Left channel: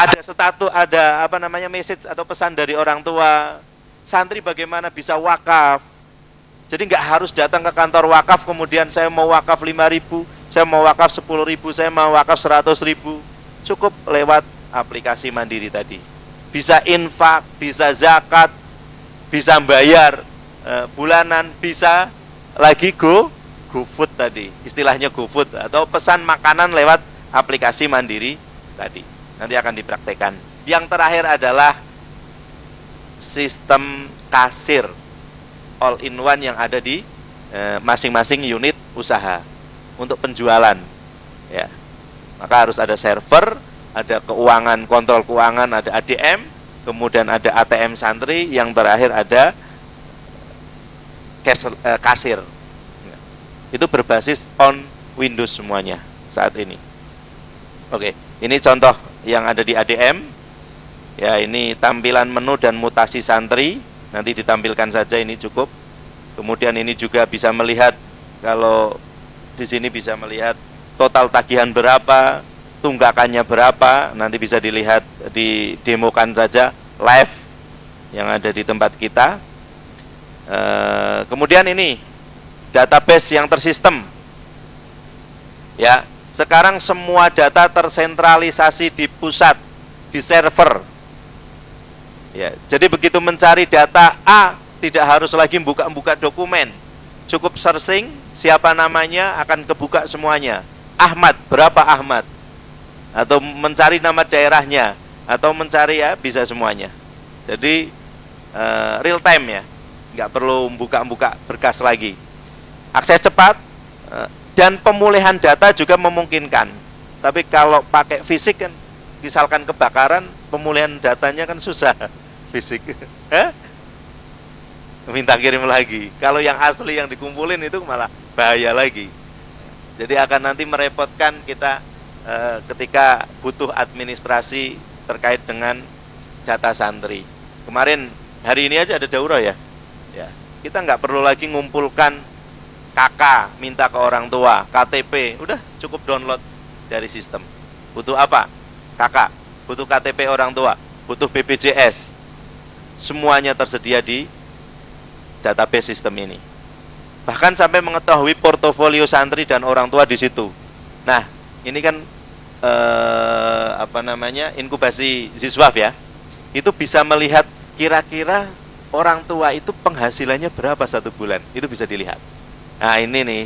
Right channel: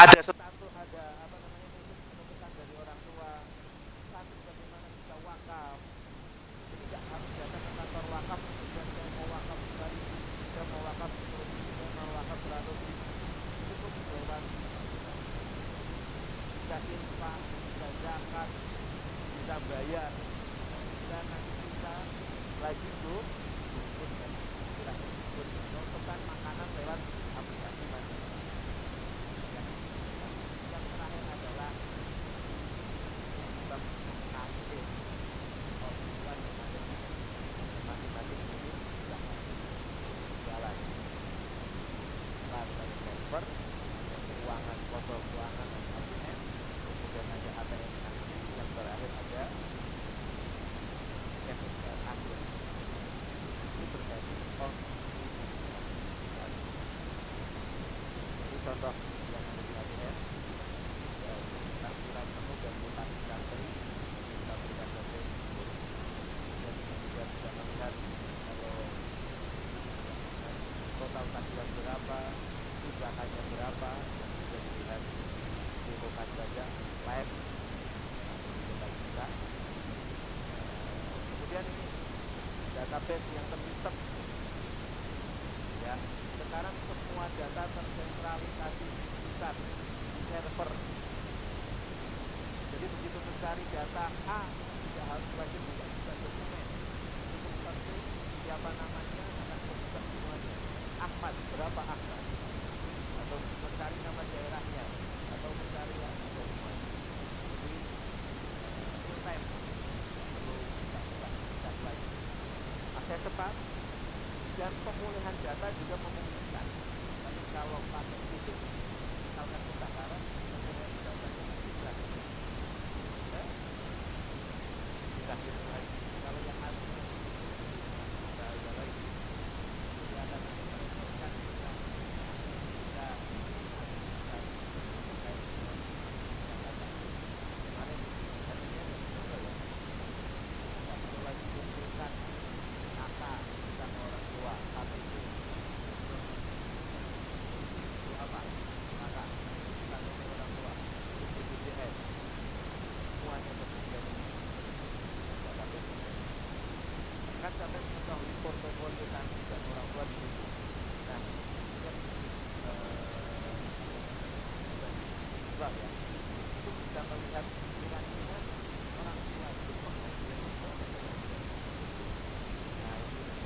ada status, ada apa namanya message atau pesan dari orang tua, santri bagaimana bisa wakaf. Jadi nggak harus datang ke kantor wakaf kemudian saya mau wakaf 5.000, saya mau wakaf 10.000, saya mau wakaf 100.000. Cukup lewat aplikasi Mandiri tadi. Bisa infak, bisa zakat, bisa bayar bulanan, bisa lagi GoFood tadi, istilahnya GoFood atau pesan makanan lewat aplikasi Mandiri tadi. Nanti akan dipraktekkan. Yang terakhir adalah sistem kasir all in one yang ada di masing-masing unit usaha untuk penjualan. Ya, maka harus ada server, ada keuangan, kontrol keuangan, ada ADM, kemudian ada ATM santri, yang terakhir ada kasir. Itu berbasis on Windows semuanya saat ini. Oke, ini contoh yang ada di ADM. Ya, ini tampilan menu dan mutasi santri. Nanti ditampilkan saja, ini cukup. Kemudian ini juga bisa melihat, kalau di sini bisa melihat total tagihan berapa, tunggakannya berapa. Nanti bisa dilihat, didemokan saja live yang ada di tempat kita. Kemudian ini database yang tersistem. Ya, sekarang semua data tersentralisasi di pusat, di server. Ya, jadi begitu mencari data A, tidak harus lagi buka-buka dokumen. Cukup searching, siapa namanya, akan kebuka semuanya. Ahmad, berapa Ahmad? Atau mencari nama daerahnya, atau mencari, ya bisa semuanya. Jadi real time ya, nggak perlu buka-buka berkas lagi. Akses cepat, dan pemulihan data juga memungkinkan. Tapi kalau pakai fisik kan, misalkan kebakaran, pemulihan datanya kan susah fisik. Minta kirim lagi. Kalau yang asli yang dikumpulin itu malah bahaya lagi. Jadi akan nanti merepotkan kita ketika butuh administrasi terkait dengan data santri. Kemarin, hari ini aja ada daurah ya. Kita nggak perlu lagi ngumpulkan KK, minta ke orang tua, KTP, udah cukup download dari sistem. Butuh apa? KK, butuh KTP orang tua, butuh BPJS, semuanya tersedia di database sistem ini. Bahkan sampai mengetahui portofolio santri dan orang tua di situ. Nah, ini kan inkubasi Ziswaf ya. Itu bisa melihat kira-kira orang tua itu penghasilannya berapa satu bulan, itu bisa dilihat. Nah ini nih,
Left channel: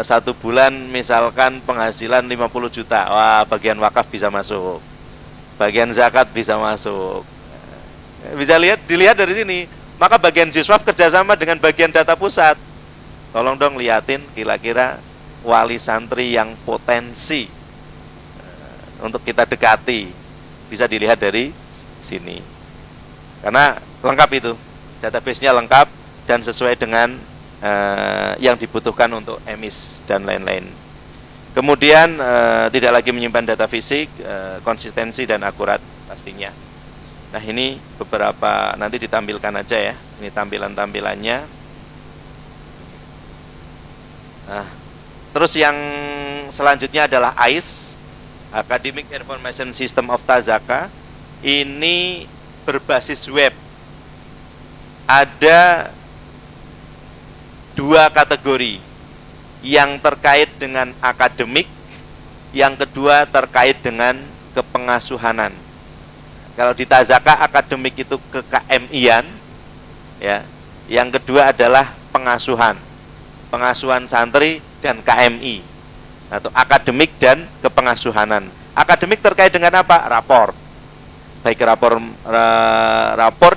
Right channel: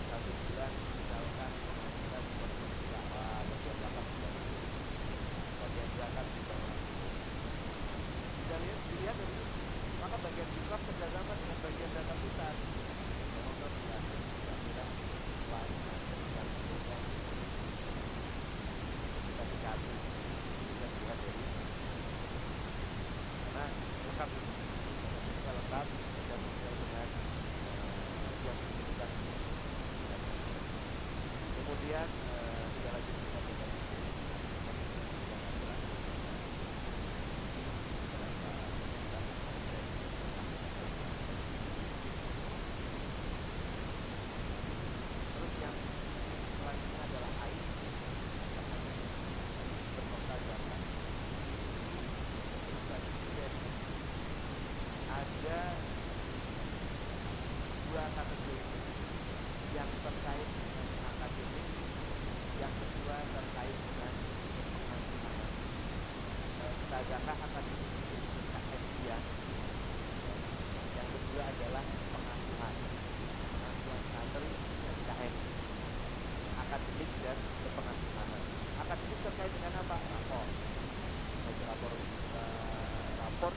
satu bulan misalkan penghasilan 50 juta, wah bagian wakaf bisa masuk, bagian zakat bisa masuk, bisa dilihat dari sini. Maka bagian Ziswaf kerjasama dengan bagian data pusat, tolong dong liatin kira-kira wali santri yang potensi untuk kita dekati, bisa dilihat dari sini. Karena lengkap itu, database-nya lengkap dan sesuai dengan yang dibutuhkan untuk emis dan lain-lain. Kemudian tidak lagi menyimpan data fisik, konsistensi dan akurat pastinya. Nah ini beberapa, nanti ditampilkan aja ya, ini tampilan-tampilannya. Nah, terus yang selanjutnya adalah AIS, Academic Information System of Tazaka. Ini berbasis web. Ada dua kategori, yang terkait dengan akademik, yang kedua terkait dengan kepengasuhanan. Kalau di Tazaka akademik itu ke-KMI-an, ya. Yang kedua adalah pengasuhan santri dan KMI, atau akademik dan kepengasuhanan. Akademik terkait dengan apa? Rapor. Baik rapor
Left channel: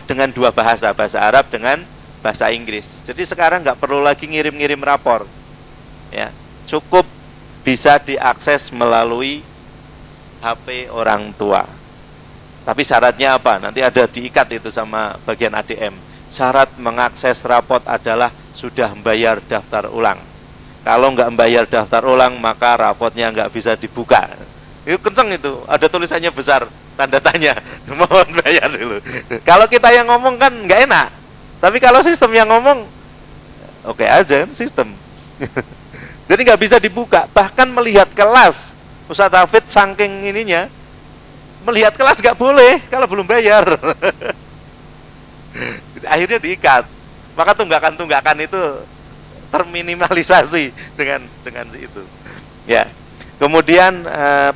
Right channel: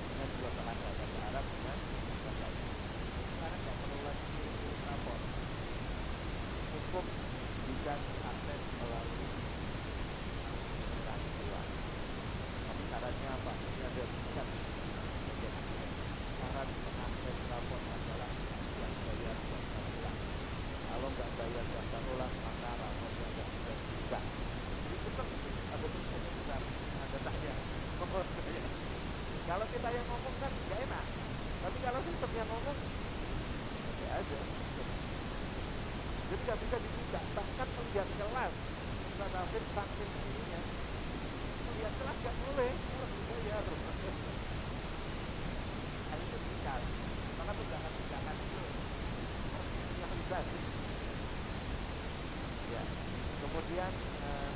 dengan dua bahasa Arab dengan bahasa Inggris. Jadi sekarang nggak perlu lagi ngirim-ngirim rapor, ya, cukup bisa diakses melalui HP orang tua. Tapi syaratnya apa? Nanti ada diikat itu sama bagian ADM. Syarat mengakses raport adalah sudah membayar daftar ulang. Kalau nggak membayar daftar ulang, maka raportnya nggak bisa dibuka. Itu kenceng itu, ada tulisannya besar, tanda tanya, mohon bayar dulu. Kalau kita yang ngomong kan nggak enak. Tapi kalau sistem yang ngomong, oke aja sistem. Jadi nggak bisa dibuka. Bahkan melihat kelas Ustadz Hafid saking ininya, melihat kelas nggak boleh kalau belum bayar. Akhirnya diikat. Maka tunggakan-tunggakan itu terminimalisasi dengan itu. Ya. Kemudian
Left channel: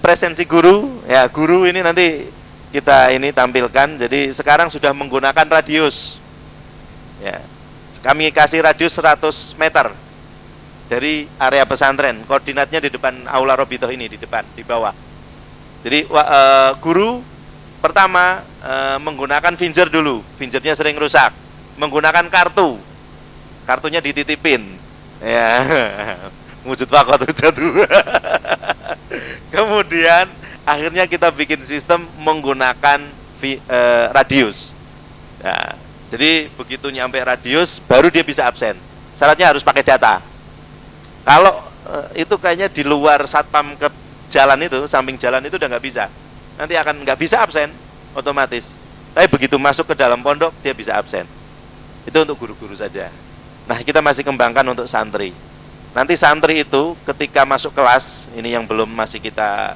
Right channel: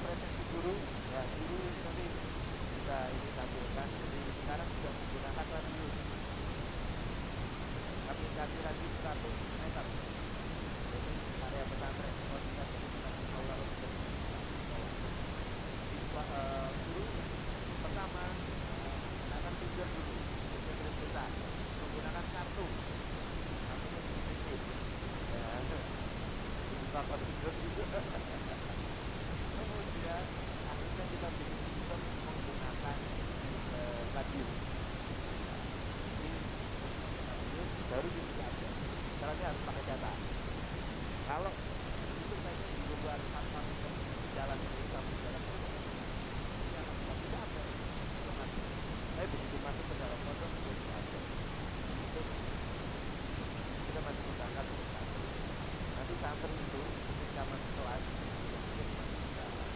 presensi guru, ya guru ini nanti kita ini tampilkan. Jadi sekarang sudah menggunakan radius. Ya. Kami kasih radius 100 meter dari area pesantren. Koordinatnya di depan aula Robitoh ini, di depan, di bawah. Jadi guru pertama menggunakan finger dulu. Fingernya sering rusak. Menggunakan kartunya dititipin. Ya. Wujud wakot jatuh. Kemudian akhirnya kita bikin sistem menggunakan radius. Nah, jadi begitu nyampe radius baru dia bisa absen. Syaratnya harus pakai data. Kalau itu kayaknya di luar satpam ke jalan itu, samping jalan itu udah nggak bisa. Nanti akan nggak bisa absen otomatis. Tapi begitu masuk ke dalam pondok dia bisa absen. Itu untuk guru-guru saja. Nah, kita masih kembangkan untuk santri. Nanti santri itu ketika masuk kelas, ini yang belum masih kita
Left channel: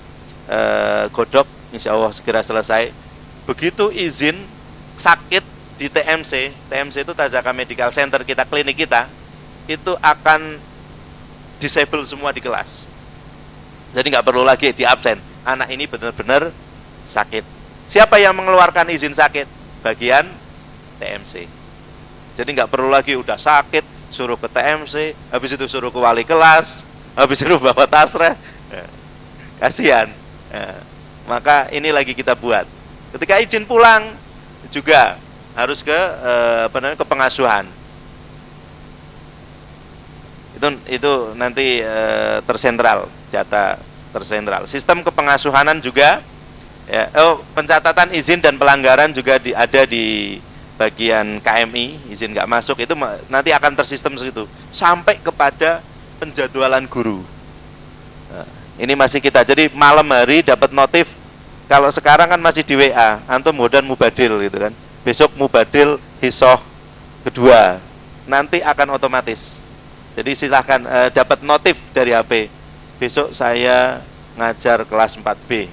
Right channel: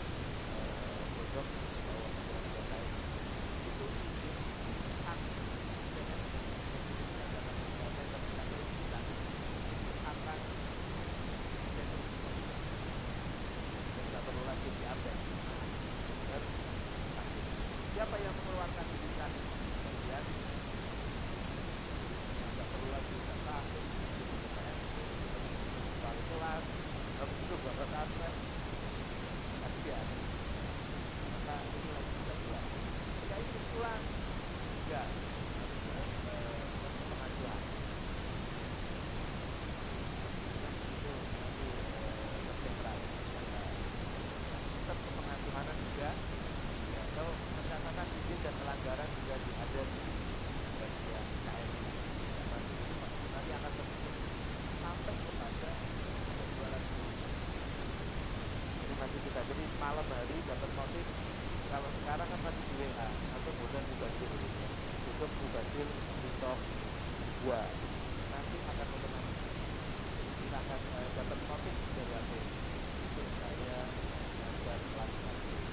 godok, insya Allah segera selesai. Begitu izin sakit di TMC itu Tazaka Medical Center kita, klinik kita, itu akan disable semua di kelas. Jadi nggak perlu lagi di absen. Anak ini benar-benar sakit. Siapa yang mengeluarkan izin sakit? Bagian TMC. Jadi nggak perlu lagi udah sakit suruh ke TMC, habis itu suruh ke wali kelas, habis itu bawa tasreh, kasihan. Maka ini lagi kita buat. Ketika izin pulang juga harus ke ke pengasuhan. Itu nanti tersentral, data tersentral. Sistem kepengasuhanan juga, ya, pencatatan izin dan pelanggaran juga ada di bagian KMI, izin nggak masuk itu nanti akan tersistem situ sampai kepada penjadwalan guru. Nah, ini masih kita, jadi malam hari dapat notif. Kalau sekarang kan masih di WA, antum dan mubadil gitu kan. Besok mubadil hisoh kedua, nanti akan otomatis. Jadi silahkan dapat notif dari HP. Besok saya ngajar kelas 4B.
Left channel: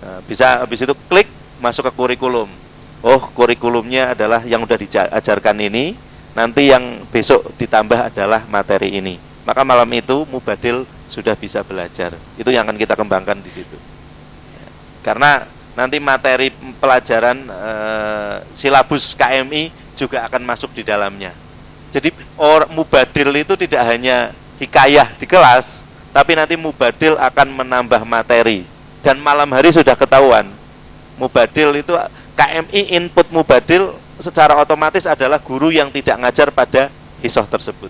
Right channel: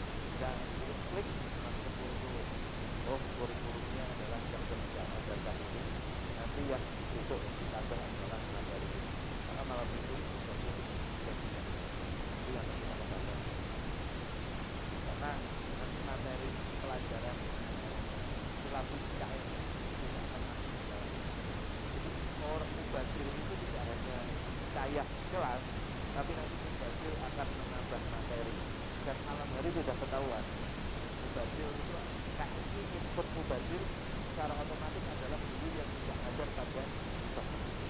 Nah, bisa habis itu klik masuk ke kurikulum. Oh, kurikulumnya adalah yang udah diajarkan ini, nanti yang besok ditambah adalah materi ini. Maka malam itu mubadil sudah bisa belajar. Itu yang akan kita kembangkan di situ. Karena nanti materi pelajaran silabus KMI juga akan masuk di dalamnya. Jadi mubadil itu tidak hanya hikayah di kelas, tapi nanti mubadil akan menambah materi. Dan malam hari sudah ketahuan, mubadil itu KMI input mubadil secara otomatis adalah guru yang tidak ngajar pada hisoh tersebut.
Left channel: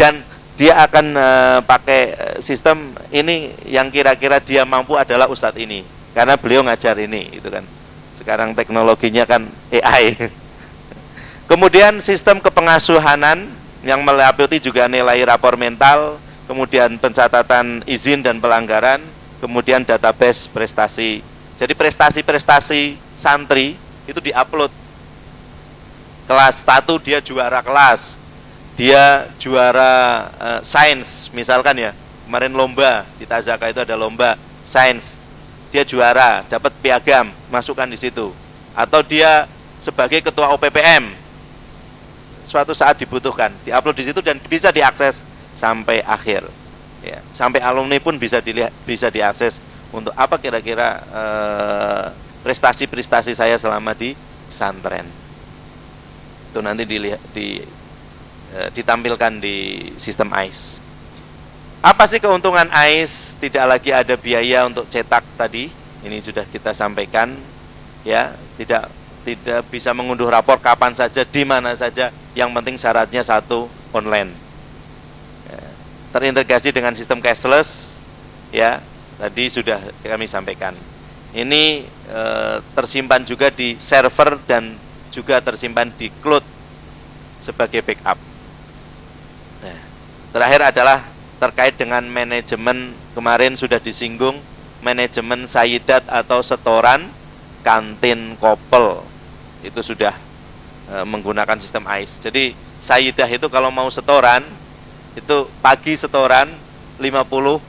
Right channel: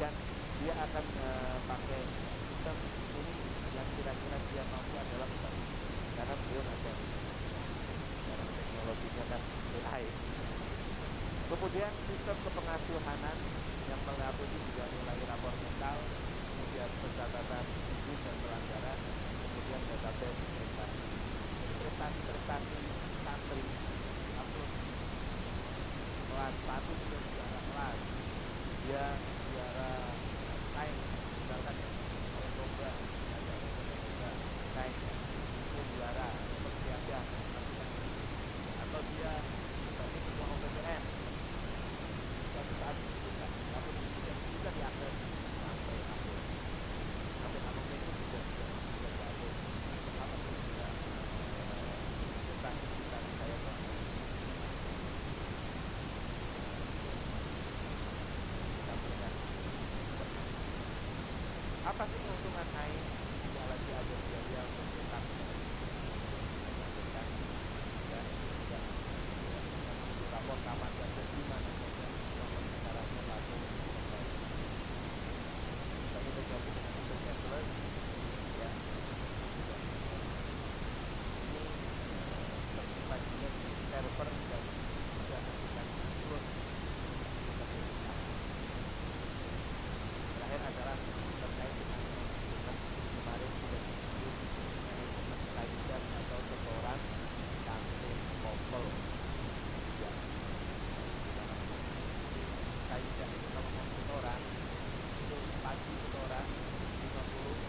Dan dia akan pakai sistem ini yang kira-kira dia mampu adalah ustadz ini, karena beliau ngajar ini, itu kan. Sekarang teknologinya kan AI. Kemudian sistem kepengasuhanan yang meliputi juga nilai rapor mental, kemudian pencatatan izin dan pelanggaran, kemudian database prestasi. Jadi prestasi-prestasi santri itu diupload. Kelas 1 dia juara kelas, dia juara sains misalkan ya. Kemarin lomba di Tazaka itu ada lomba sains, dia juara, dapat piagam, masukkan di situ. Atau dia sebagai ketua OPPM, suatu saat dibutuhkan, diupload di situ dan bisa diakses sampai akhir. Ya, sampai alumni pun bisa dilihat, bisa diakses. Untuk apa kira-kira prestasi-prestasi saya selama di pesantren. Itu nanti ditampilkan di sistem AIS. Apa sih keuntungan AIS? Tidak lagi ada biaya untuk cetak tadi. Ini sudah kita sampaikan. Ya, tidak bisa mengunduh rapor kapan saja, di mana saja. Yang penting syaratnya satu, online. Terintegrasi dengan sistem cashless, ya. Tadi sudah kami sampaikan. Ini tersimpan juga di server dan juga tersimpan di cloud sebagai backup. Nah, terakhir adalah terkait dengan manajemen. Kemarin sudah disinggung manajemen sayidat atau setoran kantin kopel. Itu sudah menggunakan sistem AIS. Jadi sayidah itu kalau mau setoran, itu pagi setoran 50,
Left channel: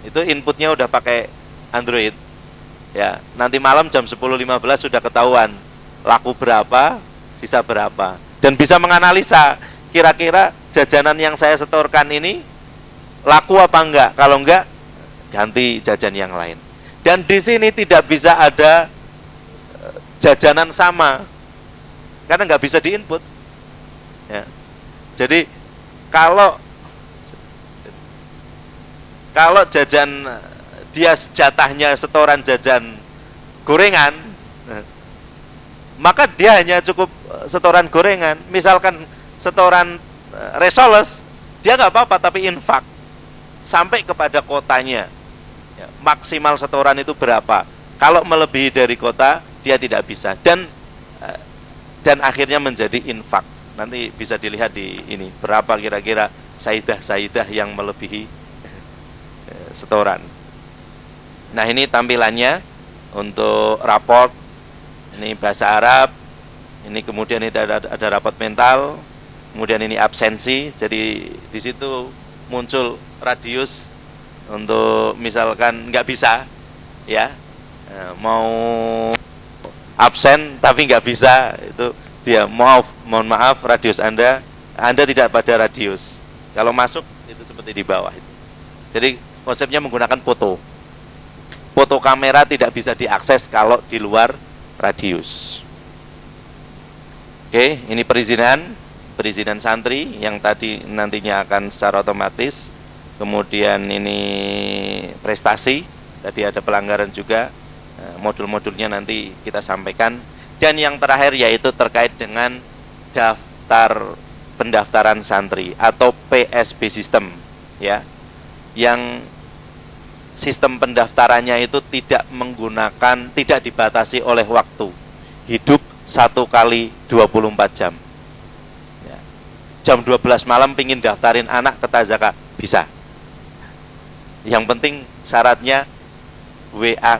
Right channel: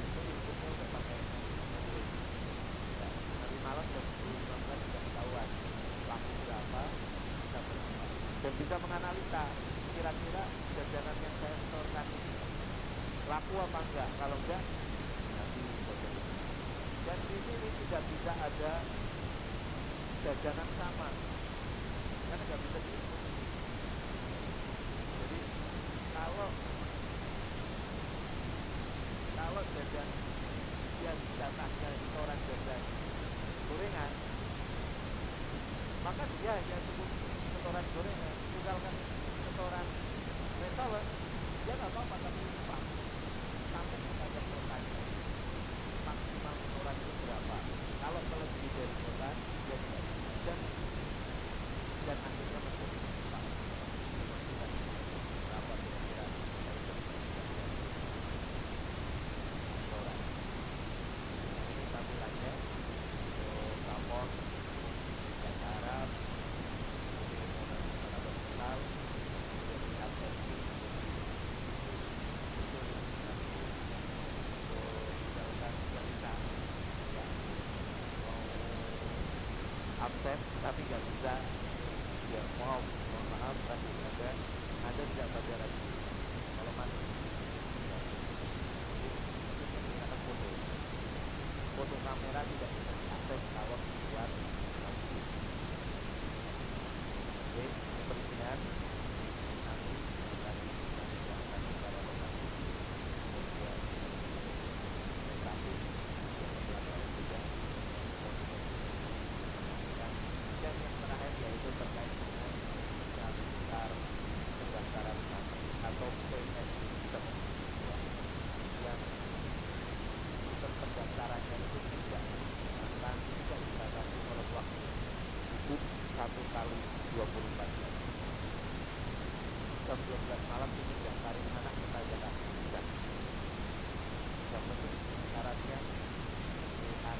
itu inputnya udah pakai Android. Ya, nanti malam jam 10.15 sudah ketahuan laku berapa, sisa berapa, dan bisa menganalisa kira-kira jajanan yang saya setorkan ini laku apa enggak. Kalau enggak, ganti jajan yang lain. Dan di sini tidak bisa ada jajanan sama karena nggak bisa diinput. Ya. Jadi kalau jajan dia jatahnya setoran jajan gorengan, maka dia hanya cukup setoran gorengan. Misalkan setoran resoles, dia nggak apa-apa, tapi infak sampai kepada kotanya. Ya, maksimal setoran itu berapa? Kalau melebihi dari kota, dia tidak bisa. Dan akhirnya menjadi infak. Nanti bisa dilihat di ini berapa kira-kira saidah yang melebihi setoran. Nah, ini tampilannya untuk raport. Ini bahasa Arab. Ini kemudian itu ada raport mental. Kemudian ini absensi. Jadi di situ muncul radius untuk misalkan nggak bisa, ya, mau absen tapi nggak bisa, itu dia mohon maaf radius Anda tidak pada radius. Kalau masuk itu seperti di bawah itu. Jadi konsepnya menggunakan foto kamera tidak bisa diakses kalau di luar radius. Oke, ini perizinan santri yang tadi nantinya akan secara otomatis. Kemudian ini prestasi, tadi ada pelanggaran juga, modul-modulnya nanti kita sampaikan. Dan yang terakhir yaitu terkait dengan daftar pendaftaran santri atau PSB system, ya, yang sistem pendaftarannya itu tidak dibatasi oleh waktu, hidup 1 kali 24 jam. Jam 12 malam pingin daftarin anak ke Tazaka, bisa. Yang penting syaratnya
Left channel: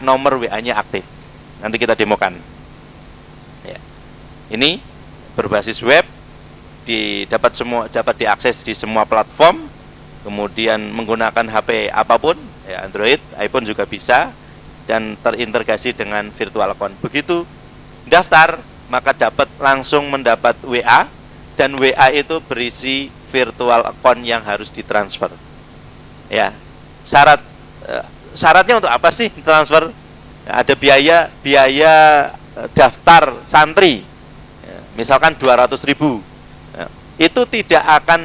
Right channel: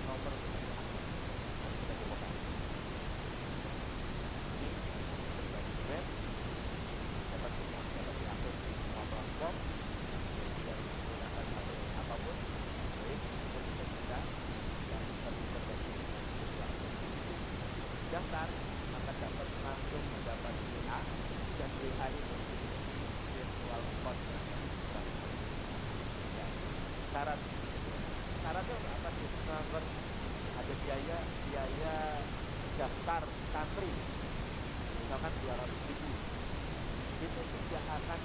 nomor WA-nya aktif. Nanti kita demokan. Ya. Ini berbasis web, dapat diakses di semua platform. Kemudian menggunakan HP apapun, ya, Android, iPhone juga bisa, dan terintegrasi dengan virtual account. Begitu daftar, maka langsung mendapat WA, dan WA itu berisi virtual account yang harus ditransfer. Ya. Syaratnya untuk apa sih transfer? Ada biaya daftar santri, misalkan 200.000. Itu tidak akan,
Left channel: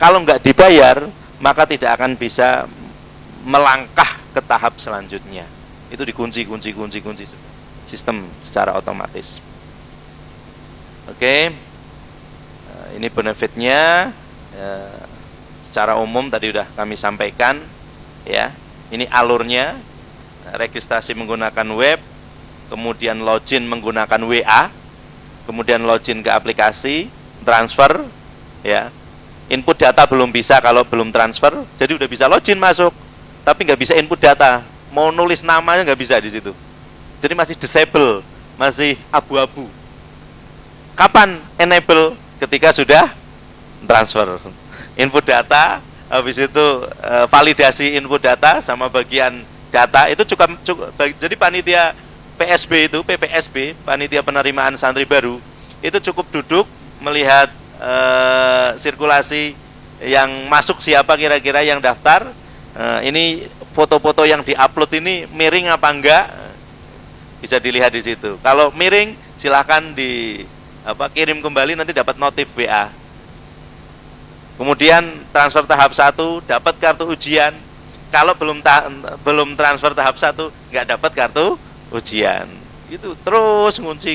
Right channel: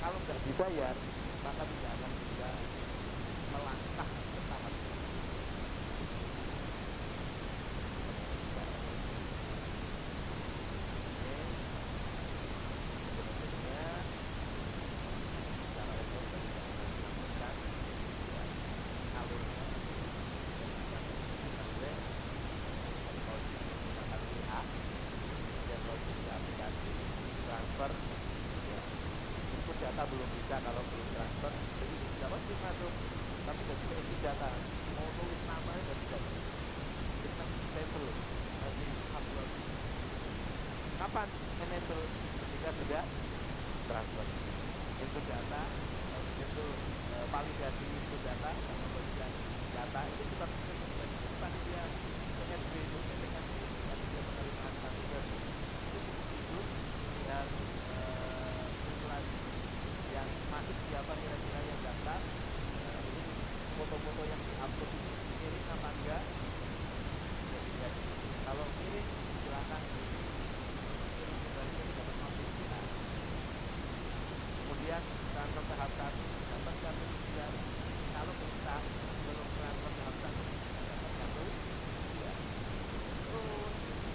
kalau nggak dibayar, maka tidak akan bisa melangkah ke tahap selanjutnya. Itu dikunci sistem secara otomatis. Oke, ini benefitnya secara umum tadi sudah kami sampaikan, ya. Ini alurnya, registrasi menggunakan web, kemudian login menggunakan WA, kemudian login ke aplikasi, transfer, ya. Input data belum bisa kalau belum transfer, jadi udah bisa login masuk, tapi nggak bisa input data, mau nulis namanya nggak bisa di situ. Jadi masih disable, masih abu-abu. Kapan enable? Ketika sudah transfer. Input data, habis itu validasi input data sama bagian data itu cukup. Jadi panitia PSB itu, PPSB, panitia penerimaan santri baru, itu cukup duduk melihat sirkulasi yang masuk, siapa kira-kira yang daftar. Ini foto-foto yang diupload ini miring apa enggak, bisa dilihat di situ. Kalau miring silahkan kirim kembali, nanti dapat notif WA. Kemudian transfer tahap 1 dapat kartu ujian. Kalau belum transfer tahap 1 nggak dapat kartu ujian. Itu terus ngunci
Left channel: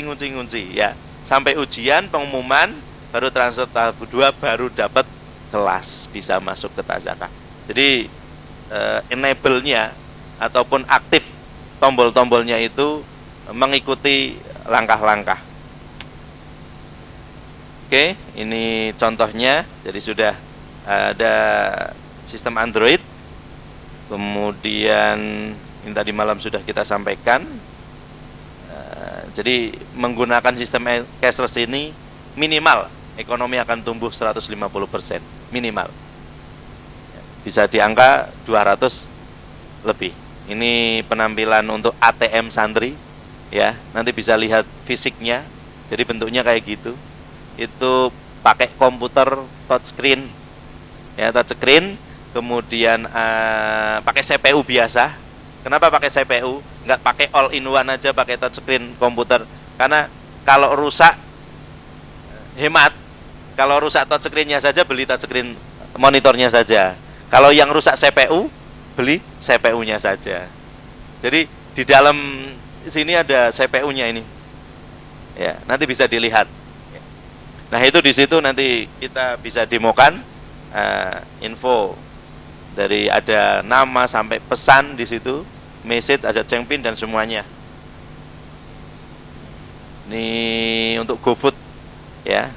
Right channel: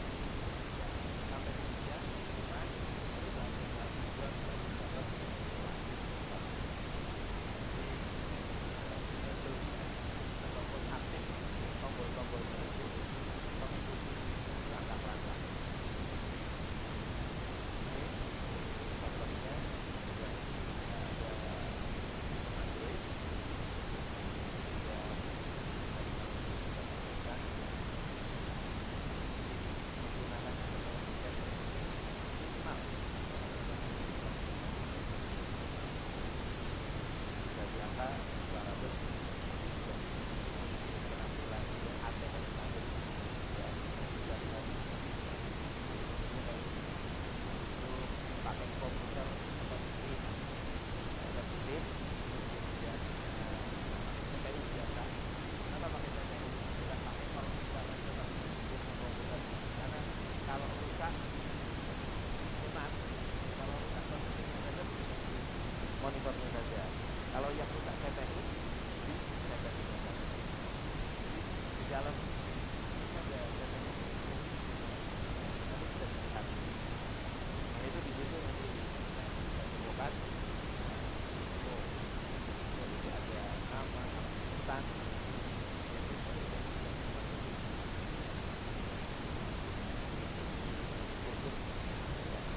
ya. Sampai ujian pengumuman, baru transfer tahap 2, baru dapat kelas, bisa masuk ke Tazaka. Jadi enable-nya ataupun aktif tombol-tombolnya itu mengikuti langkah-langkah. Oke, ini contohnya. Jadi sudah ada sistem Android. Kemudian ini tadi malam sudah kita sampaikan. Jadi menggunakan sistem cashless ini minimal ekonomi akan tumbuh 150%, minimal. Bisa di angka 200 lebih, Ini penampilan untuk ATM santri, ya. Nanti bisa lihat fisiknya. Jadi bentuknya kayak gitu. Itu pakai komputer touchscreen, ya, touchscreen. Kemudian pakai CPU biasa. Kenapa pakai CPU? Nggak pakai all in one aja, pakai touchscreen komputer. Karena kalau rusak hemat. Kalau rusak touchscreen-nya saja, beli touchscreen monitornya saja. Kalau yang rusak CPU, beli CPU-nya saja. Jadi di dalam sini ada CPU-nya ini. Ya, nanti bisa dilihat. Nah, itu di situ nanti kita bisa demokan info dari ada nama sampai pesan di situ, message, ada cengpin dan semuanya. Ini untuk GoFood, ya.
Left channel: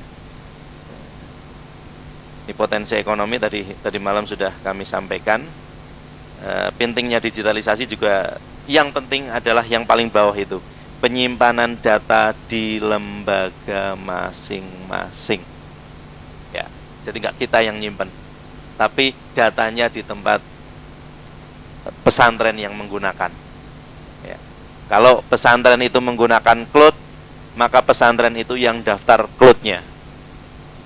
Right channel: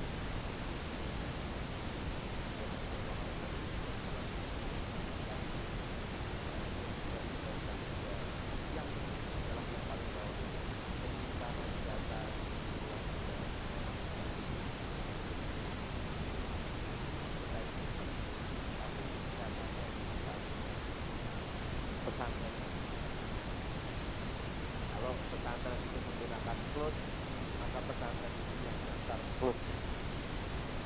Ini potensi ekonomi tadi malam sudah kami sampaikan. Pentingnya digitalisasi juga, yang penting adalah yang paling bawah itu, penyimpanan data di lembaga masing-masing. Ya, jadi nggak kita yang nyimpen, tapi datanya di tempat pesantren yang menggunakan. Ya. Kalau pesantren itu menggunakan cloud, maka pesantren itu yang daftar cloud-nya.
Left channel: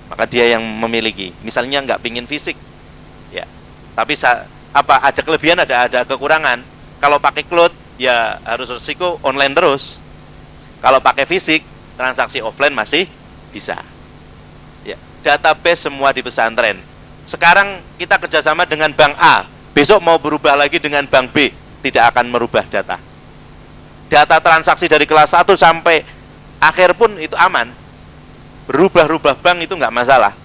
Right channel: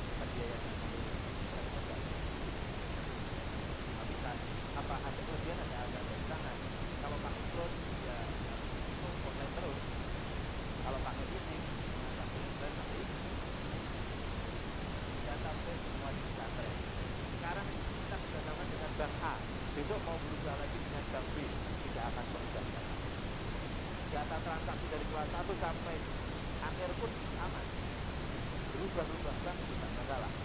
Maka dia yang memiliki. Misalnya nggak pingin fisik, ya. Tapi ada kelebihan, ada kekurangan. Kalau pakai cloud, ya harus resiko online terus. Kalau pakai fisik, transaksi offline masih bisa. Ya. Database semua di pesantren. Sekarang kita kerjasama dengan bank A, besok mau berubah lagi dengan bank B, tidak akan merubah data. Data transaksi dari kelas 1 sampai akhir pun itu aman. Berubah-ubah bank itu nggak masalah.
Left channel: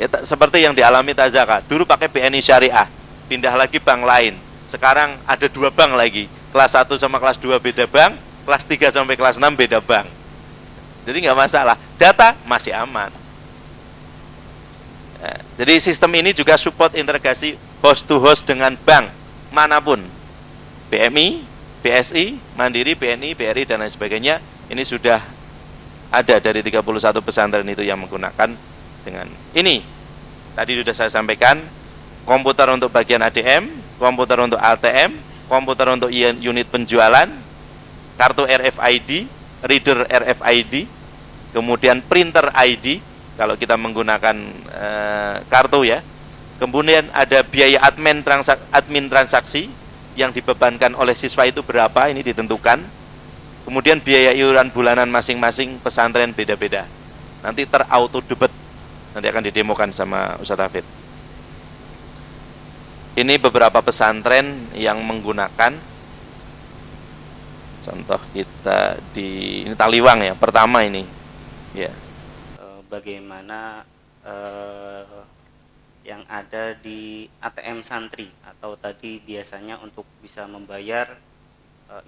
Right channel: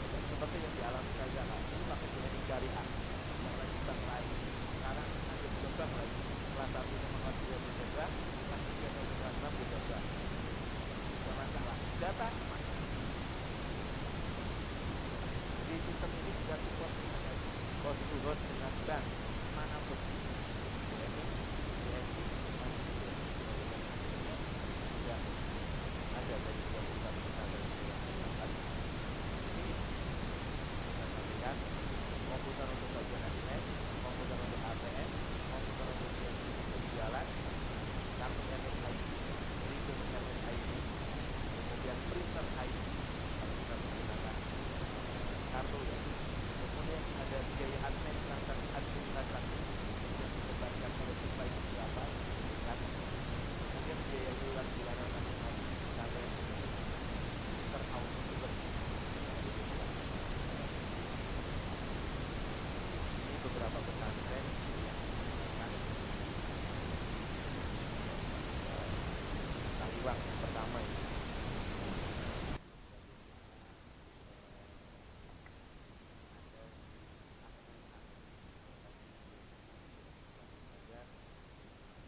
Ya, seperti yang dialami Tazaka. Dulu pakai BNI Syariah, pindah lagi bank lain. Sekarang ada 2 bank lagi. Kelas 1 sama kelas 2 beda bank, kelas 3 sampai kelas 6 beda bank. Jadi nggak masalah. Data masih aman. Nah, jadi sistem ini juga support integrasi host to host dengan bank manapun. BMI, BSI, Mandiri, BNI, BRI, dan lain sebagainya. Ini sudah ada dari 31 pesantren itu yang menggunakan dengan ini. Tadi sudah saya sampaikan, komputer untuk bagian ADM, komputer untuk ATM, komputer untuk unit penjualan, kartu RFID, reader RFID, kemudian printer ID kalau kita menggunakan kartu, ya. Kemudian ada biaya admin transaksi yang dibebankan oleh siswa itu berapa, ini ditentukan. Kemudian biaya iuran bulanan masing-masing pesantren beda-beda. Nanti terauto debit. Nanti akan didemokan sama Ustadz Hafid. Ini beberapa pesantren yang menggunakan. Contoh kita di ini Taliwang, ya, pertama ini. Ya. Bagaimana yang ada di ATM santri atau tadi biasanya untuk bisa membayar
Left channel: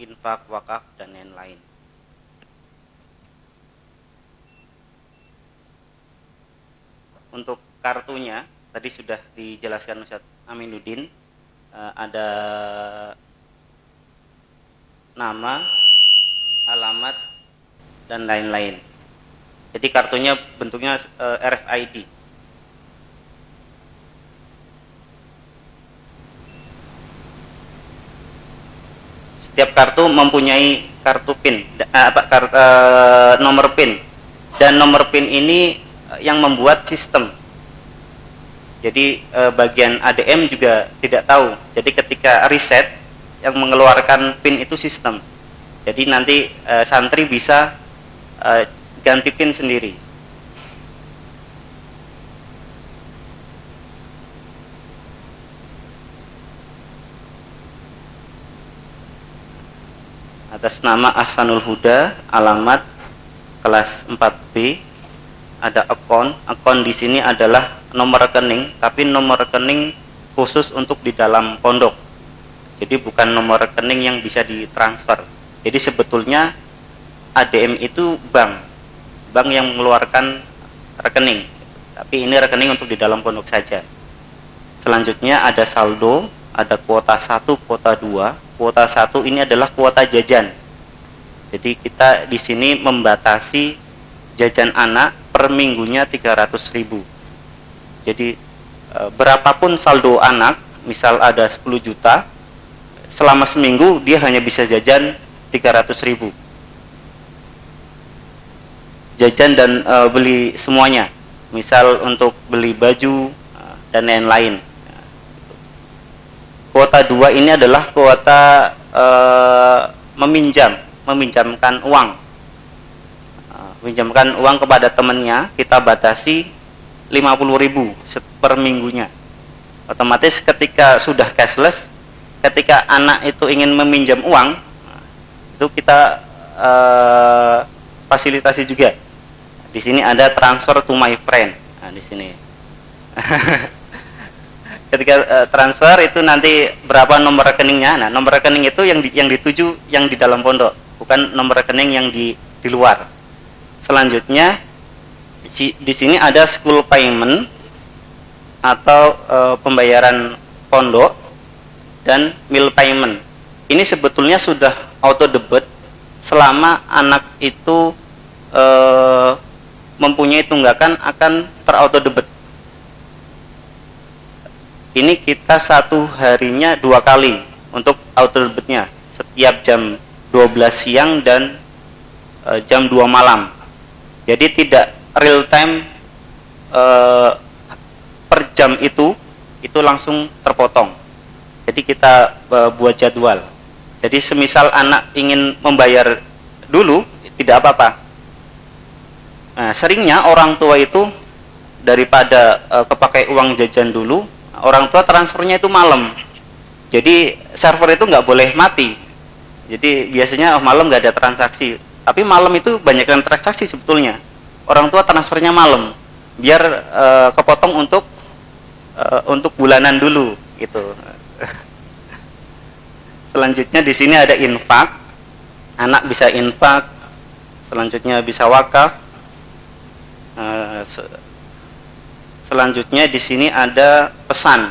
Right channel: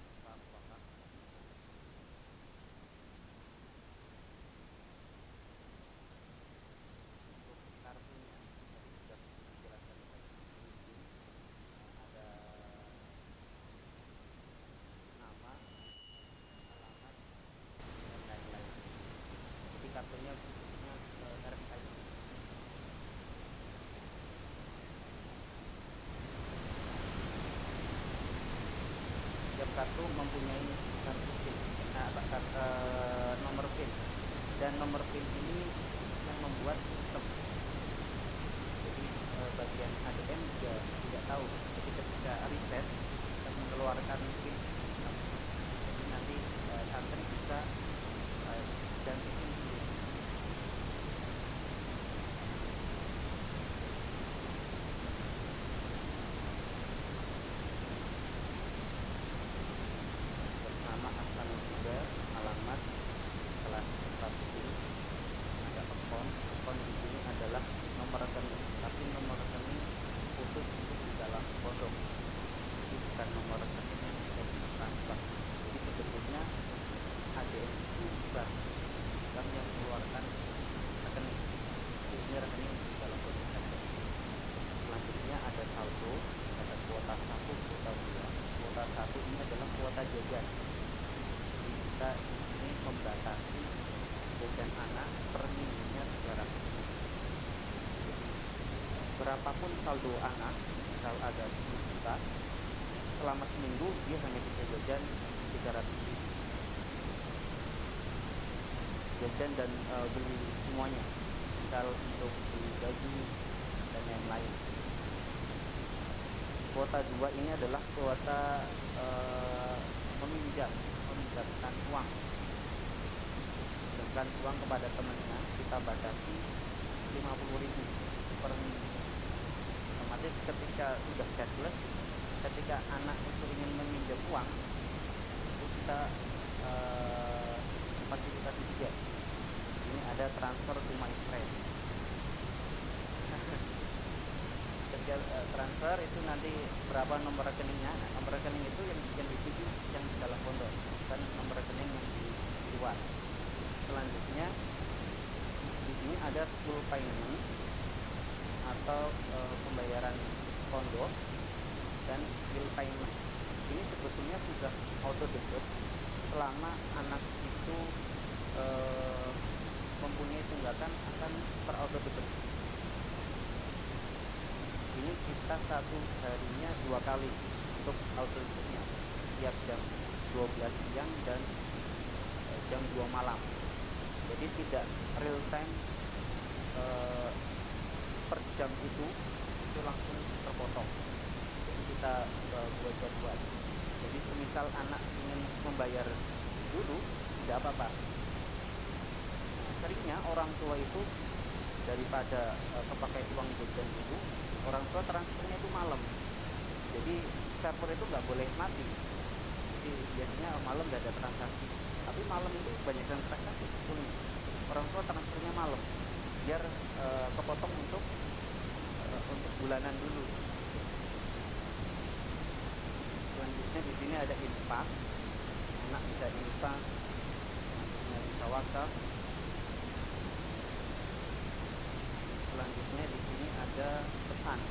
infak, wakaf, dan lain-lain. Untuk kartunya tadi sudah dijelaskan Ustadz Aminuddin, ada nama, alamat, dan lain-lain. Jadi kartunya bentuknya RFID. Setiap kartu mempunyai kartu PIN, nomor PIN, dan nomor PIN ini yang membuat sistem. Jadi bagian ADM juga tidak tahu. Jadi ketika reset, yang mengeluarkan PIN itu sistem. Jadi nanti santri bisa ganti PIN sendiri. Atas nama Ahsanul Huda, alamat kelas 4B, ada akun di sini adalah nomor rekening, tapi nomor rekening khusus untuk di dalam pondok. Jadi bukan nomor rekening yang bisa ditransfer. Jadi sebetulnya ADM itu bank yang mengeluarkan rekening, tapi ini rekening untuk di dalam pondok saja. Selanjutnya ada saldo, ada kuota 1, kuota 2. Kuota 1 ini adalah kuota jajan. Jadi kita di sini membatasi jajan anak per minggunya 300.000. Jadi berapapun saldo anak, misal ada 10 juta, selama seminggu dia hanya bisa jajan 300.000. Jajan dan beli semuanya, misal untuk beli baju dan lain-lain. Kuota 2 ini adalah kuota meminjamkan uang. Meminjamkan uang kepada temannya, kita batasi 50.000 per minggunya. Otomatis ketika sudah cashless, ketika anak itu ingin meminjam uang, itu kita fasilitasi juga. Di sini ada transfer to my friend. Nah, di sini. Ketika transfer itu nanti berapa nomor rekeningnya. Nah, nomor rekening itu yang dituju yang di dalam pondok, bukan nomor rekening yang di luar. Selanjutnya di sini ada school payment atau pembayaran pondok dan meal payment. Ini sebetulnya sudah auto debit selama anak itu mempunyai tunggakan akan terauto debit. Ini kita satu harinya 2 kali untuk auto debitnya, setiap jam 12 siang dan jam 2 malam. Jadi tidak real time per jam itu langsung terpotong. Jadi kita buat jadwal. Jadi semisal anak ingin membayar dulu, tidak apa-apa. Nah, seringnya orang tua itu daripada kepakai uang jajan dulu, orang tua transfernya itu malam. Jadi server itu nggak boleh mati. Jadi biasanya malam nggak ada transaksi. Tapi malam itu banyak yang transaksi sebetulnya. Orang tua transfernya malam, biar kepotong untuk bulanan dulu, gitu. Selanjutnya di sini ada infak. Anak bisa infak. Selanjutnya bisa wakaf. Selanjutnya di sini ada pesan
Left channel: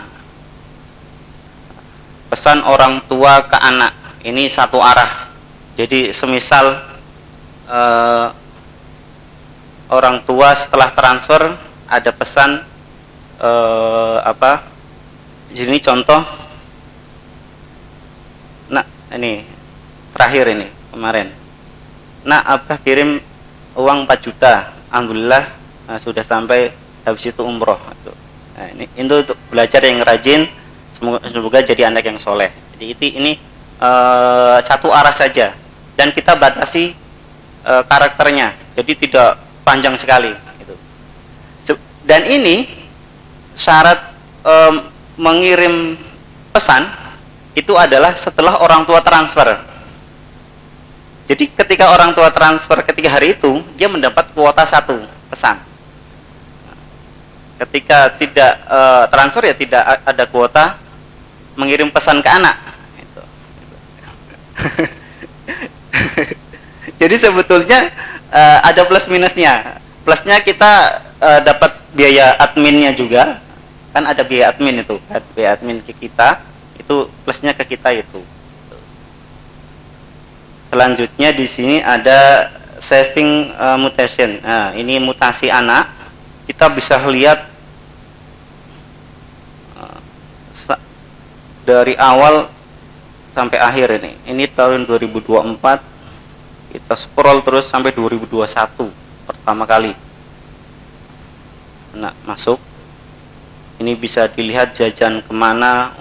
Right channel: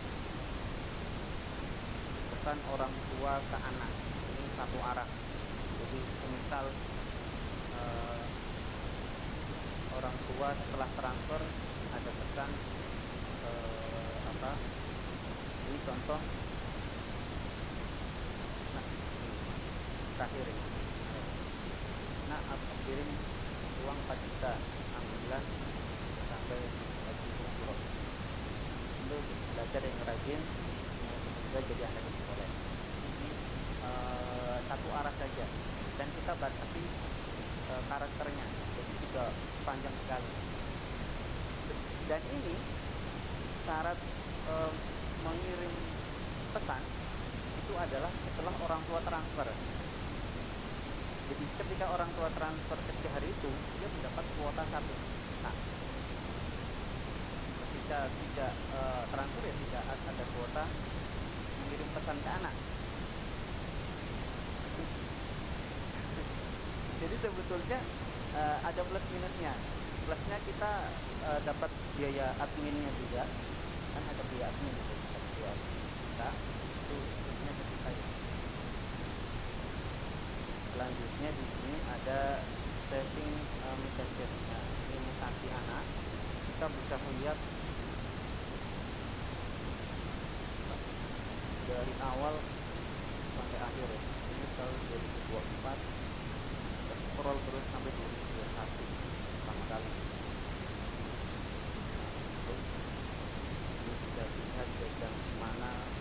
orang tua ke anak. Ini satu arah. Jadi semisal orang tua setelah transfer ada pesan di sini contoh. Nah, ini terakhir ini kemarin. Nah, Abah kirim uang 4 juta. Alhamdulillah sudah sampai, habis itu umroh. Nah, ini untuk belajar yang rajin, semoga jadi anak yang soleh. Jadi ini satu arah saja, dan kita batasi karakternya, jadi tidak panjang sekali. Gitu. Dan ini syarat mengirim pesan itu adalah setelah orang tua transfer. Jadi ketika orang tua transfer ketika hari itu, dia mendapat kuota 1 pesan. Ketika tidak transfer, ya tidak ada kuota mengirim pesan ke anak. Gitu. Jadi sebetulnya ada plus minusnya. Plusnya kita dapat biaya adminnya juga, kan ada biaya admin itu, biaya admin ke kita, itu plusnya ke kita itu. Selanjutnya di sini ada saving mutation. Nah, ini mutasi anak. Kita bisa lihat dari awal sampai akhir ini. Ini tahun 2024. Kita scroll terus sampai 2021 pertama kali. Nah, masuk. Ini bisa dilihat jajan kemana,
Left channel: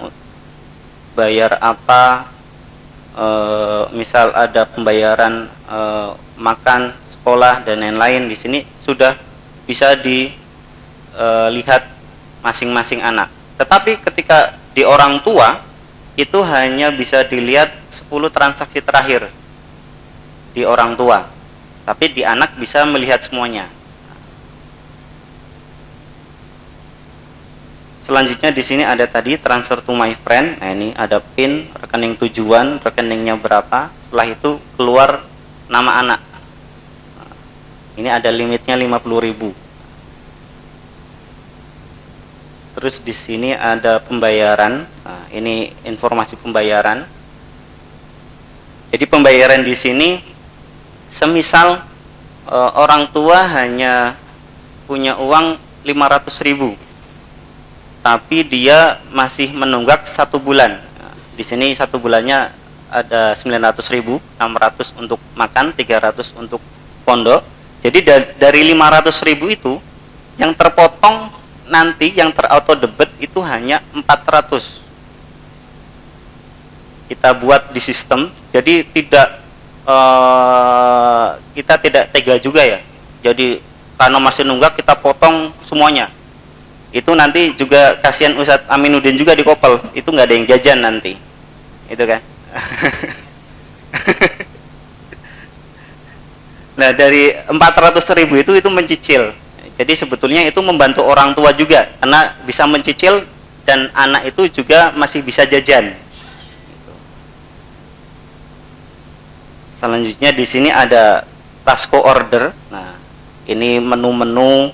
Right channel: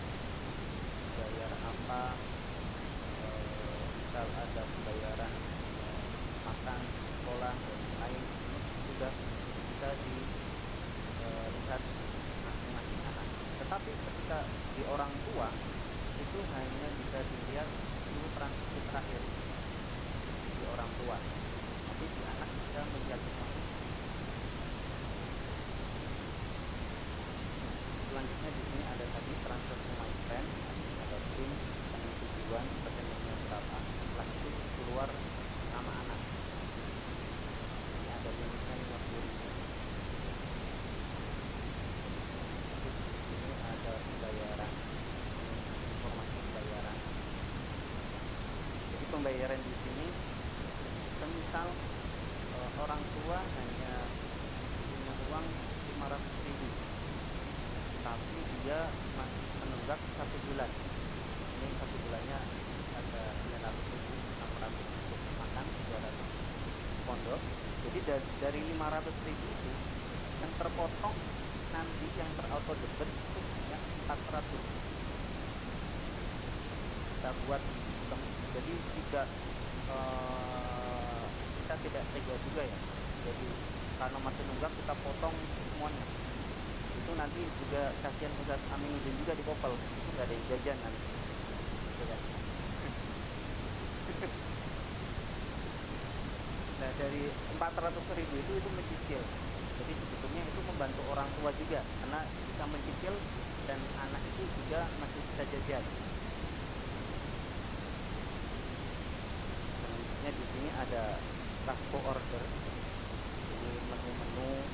bayar apa. Misal ada pembayaran makan, sekolah dan lain-lain, di sini sudah bisa dilihat masing-masing anak. Tetapi ketika di orang tua itu hanya bisa dilihat 10 transaksi terakhir di orang tua, tapi di anak bisa melihat semuanya. Selanjutnya di sini ada tadi transfer to my friend. Nah, ini ada PIN, rekening tujuan, rekeningnya berapa. Setelah itu keluar nama anak. Ini ada limitnya 50.000. Terus di sini ada pembayaran. Nah, ini informasi pembayaran. Jadi pembayaran di sini semisal orang tua hanya punya uang 500.000. Tapi dia masih menunggak 1 bulan. Di sini satu bulannya ada 900.000, 600 untuk makan, 300 untuk pondok. Jadi dari 500.000 itu yang terpotong nanti yang terauto debit itu hanya 400. Kita buat di sistem, jadi kita tidak tega juga ya. Jadi karena masih nunggak kita potong semuanya. Itu nanti juga kasihan Ustadz Aminuddin juga dikopel, itu nggak ada yang jajan nanti, itu kan. Nah dari 400.000 itu mencicil. Jadi sebetulnya itu membantu orang tua juga, karena bisa mencicil dan anak itu juga masih bisa jajan. Selanjutnya di sini ada Tasco order. Nah ini menu-menu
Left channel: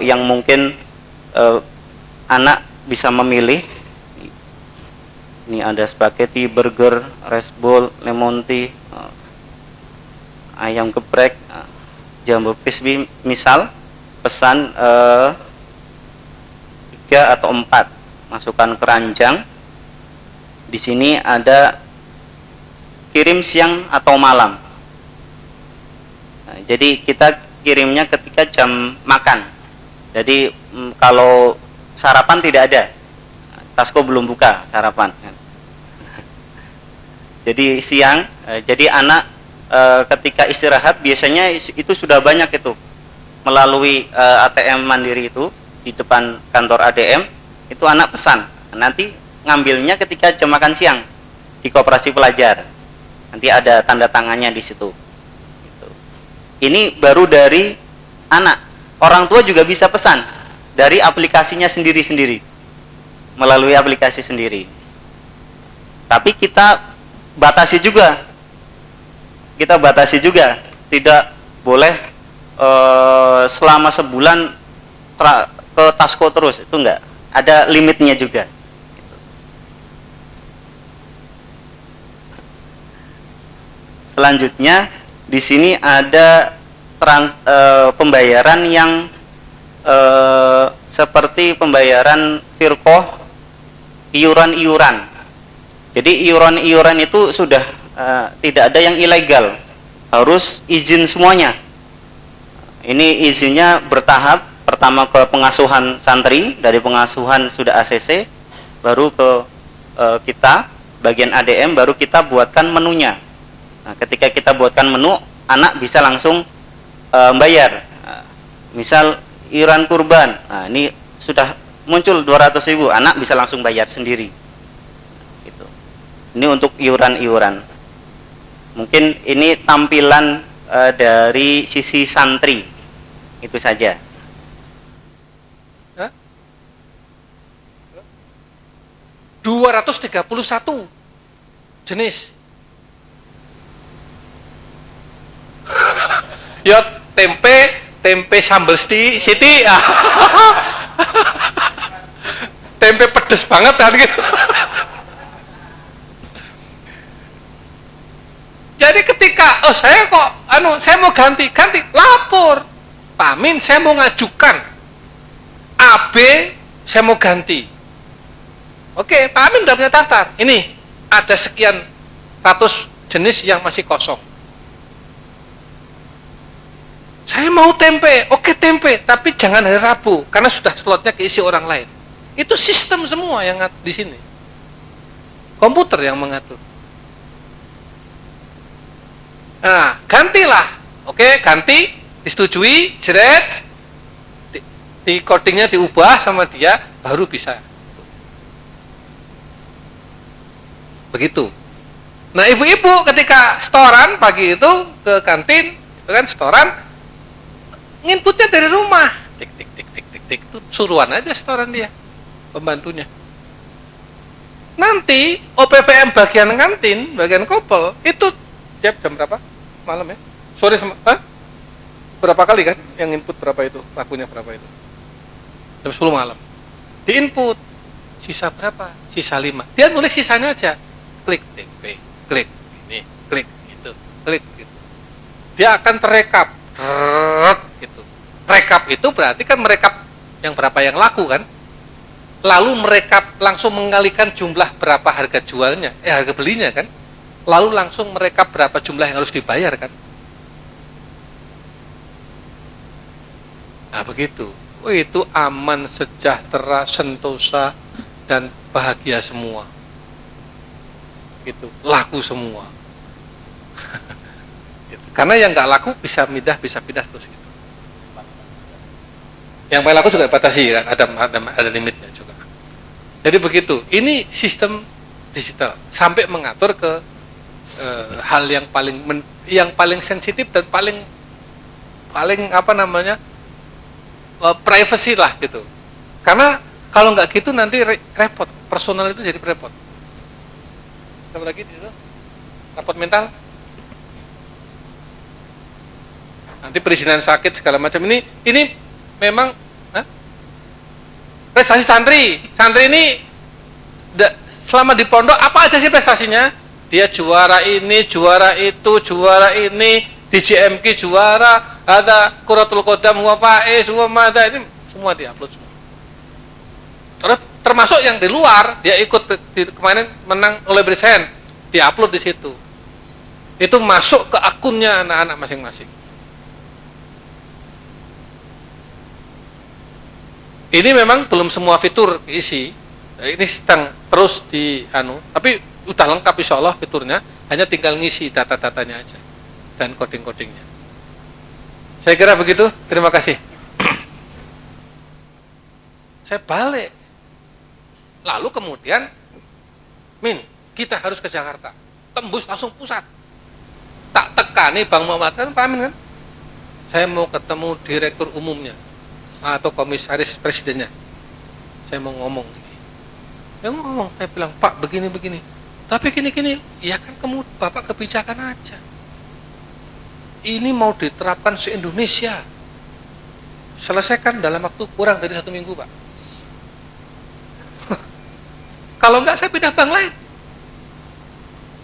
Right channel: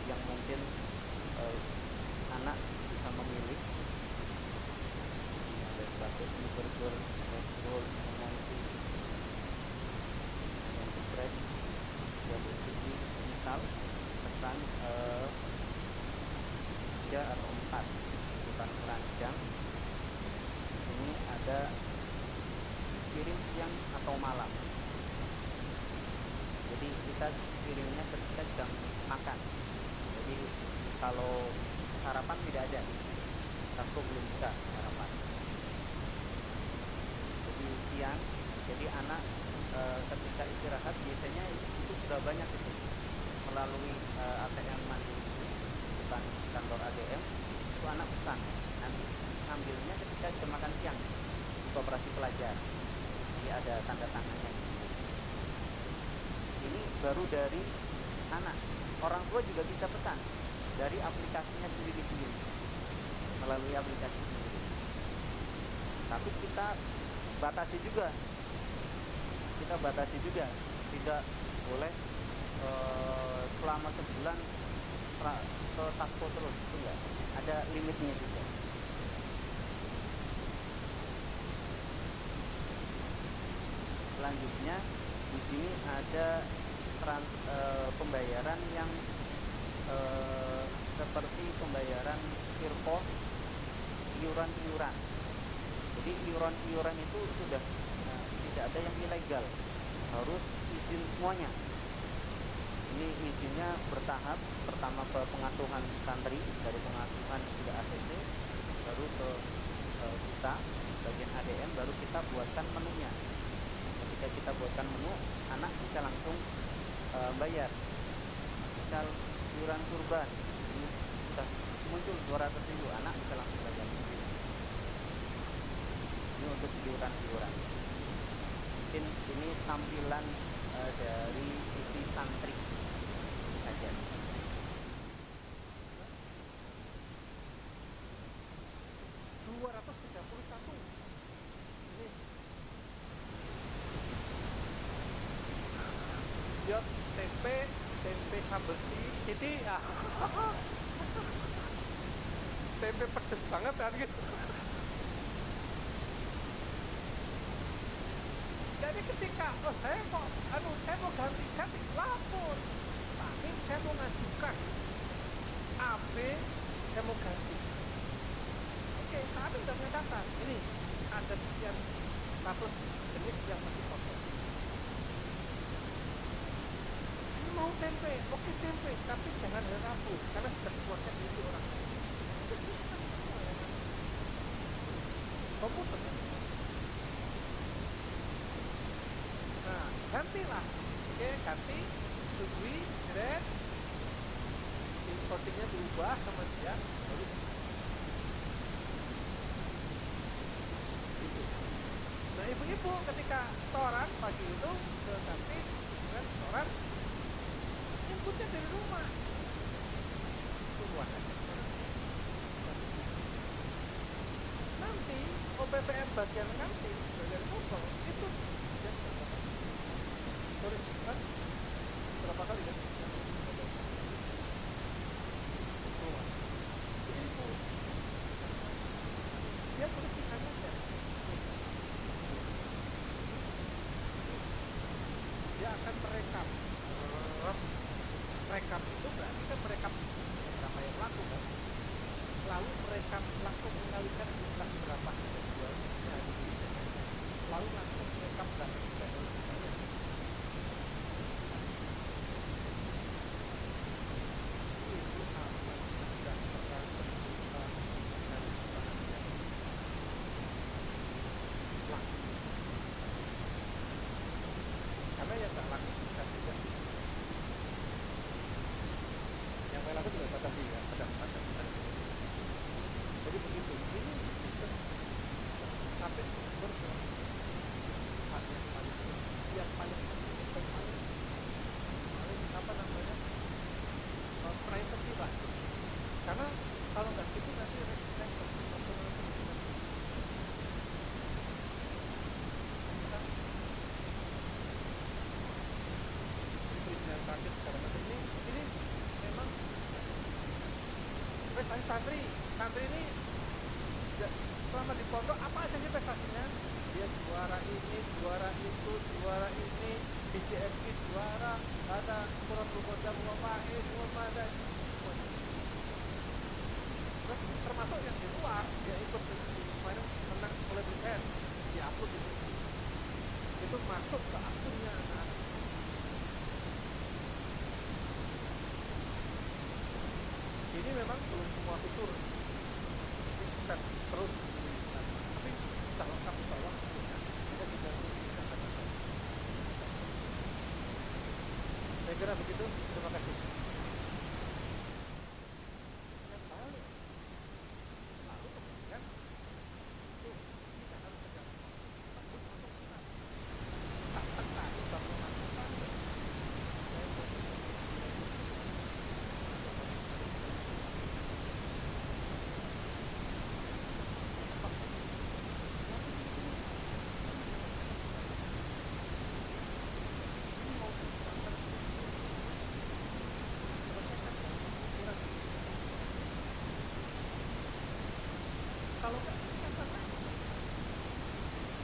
yang mungkin anak bisa memilih. Ini ada spaghetti, burger, rice bowl, lemon tea, ayam geprek, jambu crispy. Misal pesan 3 atau 4, masukkan keranjang. Di sini ada kirim siang atau malam. Nah, jadi kita kirimnya ketika jam makan. Jadi kalau sarapan tidak ada, Tasco belum buka sarapan. Jadi siang, jadi anak ketika istirahat biasanya itu sudah banyak itu melalui ATM Mandiri itu di depan kantor ADM itu anak pesan. Nanti ngambilnya ketika jam makan siang di koperasi pelajar. Nanti ada tanda tangannya di situ. Ini baru dari anak. Orang tua juga bisa pesan dari aplikasinya sendiri-sendiri, melalui aplikasi sendiri. Tapi kita batasi juga. Tidak boleh selama sebulan ke Tasco terus, itu enggak. Ada limitnya juga. Selanjutnya di sini ada pembayaran yang seperti pembayaran firqoh, iuran-iuran. Jadi iuran-iuran itu sudah tidak ada yang ilegal, harus izin semuanya. Ini izinnya bertahap. Pertama ke pengasuhan santri, dari pengasuhan sudah ACC, baru ke kita bagian ADM, baru kita buatkan menunya. Nah, ketika kita buatkan menu, anak bisa langsung bayar. Misal iuran kurban, nah ini sudah muncul 200.000, anak bisa langsung bayar sendiri. Gitu. Ini untuk iuran-iuran. Mungkin ini tampilan dari sisi santri, itu saja. 231 jenis. Ya tempe sambal siti, tempe pedes banget kan gitu. Jadi ketika saya mau ganti, lapor Pak Amin, saya mau ngajukan AB, saya mau ganti. Oke, Pak Amin udah punya daftar. Ini ada sekian ratus jenis yang masih kosong. Saya mau tempe, oke tempe, tapi jangan hari Rabu karena sudah slotnya keisi orang lain. Itu sistem semua yang di sini. Komputer yang mengatur. Nah, gantilah. Oke, ganti, disetujui, jeret, di codingnya diubah sama dia, baru bisa. Begitu. Nah, ibu-ibu ketika setoran pagi itu ke kantin, itu kan setoran, nginputnya dari rumah, tik tik tik tik tik tik, itu suruhan aja setoran dia, pembantunya. Nanti OPPM bagian kantin, bagian kopel itu tiap jam berapa? Malam ya? Sore berapa kali kan? Yang input berapa itu? Lakunya berapa itu? Jam 10 malam. Di input sisa berapa? Sisa 5. Dia nulis sisanya aja. Klik TP, klik ini, klik itu, klik gitu. Dia akan terekap. Gitu. Rekap itu berarti kan merekap yang berapa yang laku kan? lalu mereka langsung mengalihkan jumlah berapa harga jualnya, harga belinya kan, lalu langsung mereka berapa jumlah yang harus dibayar kan. Nah begitu, itu aman, sejahtera, sentosa, dan bahagia semua. Gitu, laku semua. Gitu. Karena yang nggak laku bisa pindah terus. Gitu. Yang paling laku juga batasi kan, ada limitnya juga. Jadi begitu, ini sistem digital sampai mengatur ke hal yang paling sensitif dan paling apa namanya, privacy lah gitu. Karena kalau nggak gitu nanti repot, personal itu jadi repot. Apa lagi itu? Repot mental. Nanti perizinan sakit segala macam ini memang prestasi santri ini selama di pondok apa aja sih prestasinya? Dia juara ini, juara itu, juara ini, di JMK juara, ada Quratul Qadam, huwa faiz, huwa mada, ini semua diupload semua. Terus termasuk yang di luar, dia ikut kemarin menang oleh Brisen, diupload di situ. Itu masuk ke akunnya anak-anak masing-masing. Ini memang belum semua fitur diisi. Ini sedang terus tapi udah lengkap insya Allah fiturnya, hanya tinggal ngisi data-datanya aja dan coding-codingnya. Saya kira begitu. Terima kasih. Saya balik. Lalu kemudian, kita harus ke Jakarta. Tembus langsung pusat. Tak tekani Bang Muhammad kan, Pak Amin kan? Saya mau ketemu direktur umumnya atau komisaris presidennya. Saya mau ngomong. Saya bilang, Pak begini. Tapi gini, ya kan kamu Bapak kebijakan aja. Ini mau diterapkan se-Indonesia. Selesaikan dalam waktu kurang dari 1 minggu, Pak. Kalau enggak saya pindah bank lain.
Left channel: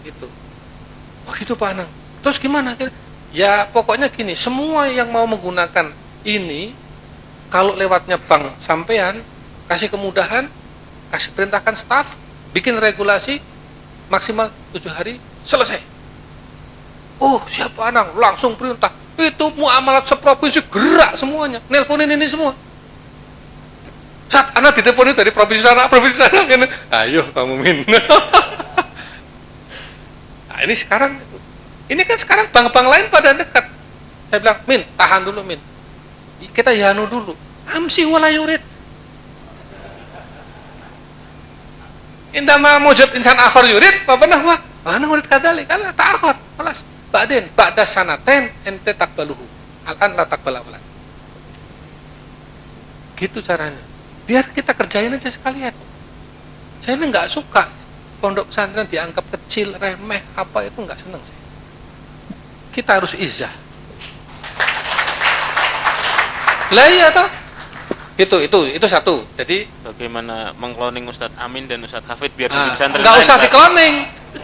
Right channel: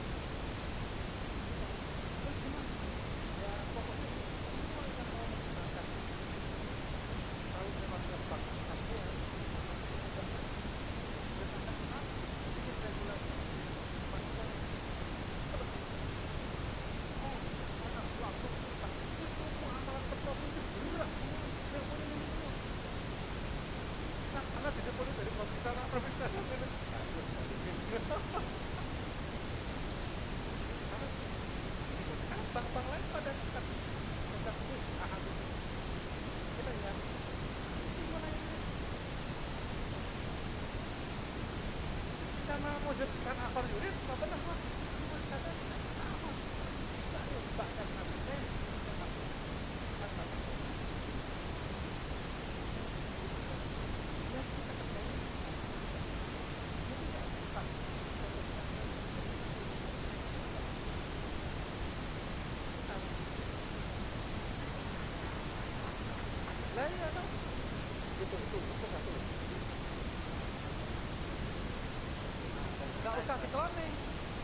Itu. Begitu Pak Anang. Terus gimana? Ya pokoknya gini, semua yang mau menggunakan ini, kalau lewatnya bank sampean, kasih kemudahan, kasih perintahkan staf, bikin regulasi, maksimal 7 hari, selesai. Oh siapa Anang, langsung perintah. Itu muamalat seprovinsi gerak semuanya, nelponin ini semua. Saat anak diteleponin dari provinsi sana, ini. Ayo Pak Mumin. Nah ini kan sekarang bank-bank lain pada dekat. Saya bilang, Min, tahan dulu Min. Kita yanu dulu. Amsi wala yurid. Indama mujud insan akhir yurid, apa nahwa? Mana murid kadali? Kalau tak akhir, malas. Ba'din, ba'da sanaten, ente takbaluhu. Al'an la takbalawala. Gitu caranya. Biar kita kerjain aja sekalian. Saya ini nggak suka pondok pesantren dianggap kecil, remeh, apa itu nggak seneng saya. Kita harus izah. Lah iya toh. Itu satu. Jadi bagaimana mengkloning Ustadz Amin dan Ustadz Hafid biar di pesantren nggak lain, usah Pak? dikloning.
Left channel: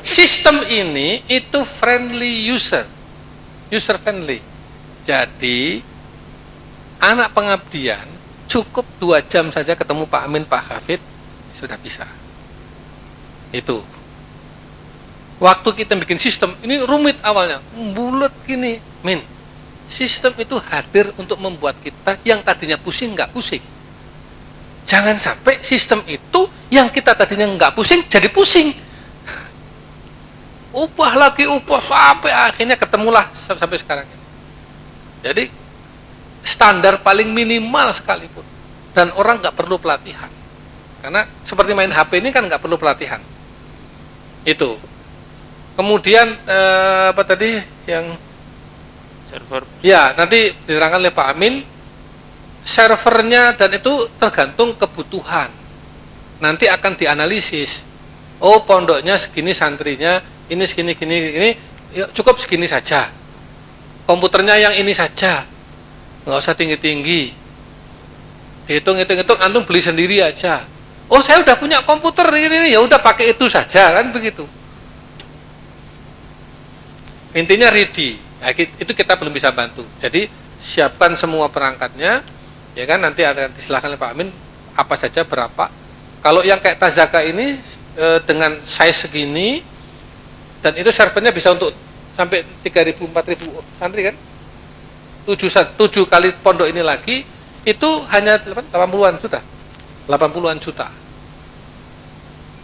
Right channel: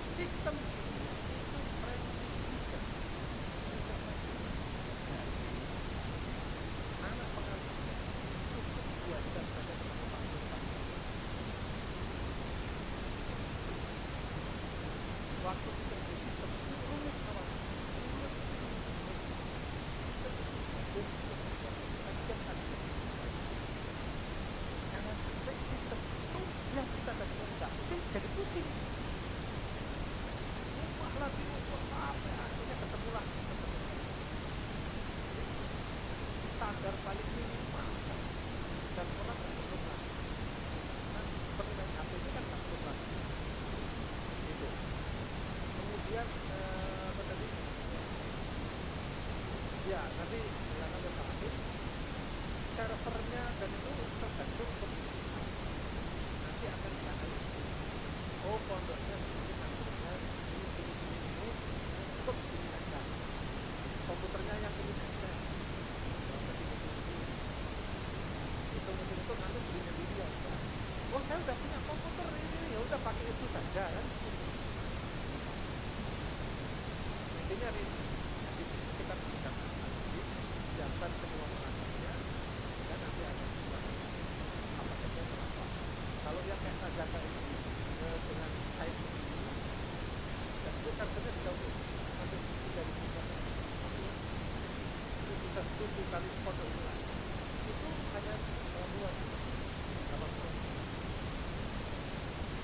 Sistem ini itu friendly user friendly. Jadi anak pengabdian cukup 2 jam saja ketemu Pak Amin, Pak Hafid sudah bisa. Itu. Waktu kita bikin sistem ini rumit awalnya, bulat gini, Min. Sistem itu hadir untuk membuat kita yang tadinya pusing nggak pusing. Jangan sampai sistem itu yang kita tadinya nggak pusing jadi pusing. Ubah sampai akhirnya ketemulah sampai sekarang. Jadi standar paling minimal sekalipun, dan orang nggak perlu pelatihan. Karena seperti main HP ini kan nggak perlu pelatihan. Itu. Kemudian apa tadi yang Server. ya nanti diterangkan oleh Pak Amin, servernya dan itu tergantung kebutuhan. Nanti akan dianalisis. Oh pondoknya segini, santrinya ini segini, ya, cukup segini saja. Komputernya yang ini saja, nggak usah tinggi-tinggi. Hitung, antum beli sendiri aja. Oh saya udah punya komputer ini, ya udah pakai itu saja, kan begitu. Intinya ready. Nah, itu kita belum bisa bantu. Jadi siapkan semua perangkatnya, ya kan, nanti akan disilahkan oleh Pak Amin apa saja berapa, Kalau yang kayak Tazaka ini dengan size segini, dan itu servernya bisa untuk sampai 3.000 4.000 santri kan, 7 kali pondok ini lagi itu hanya 80-an juta, 80-an juta.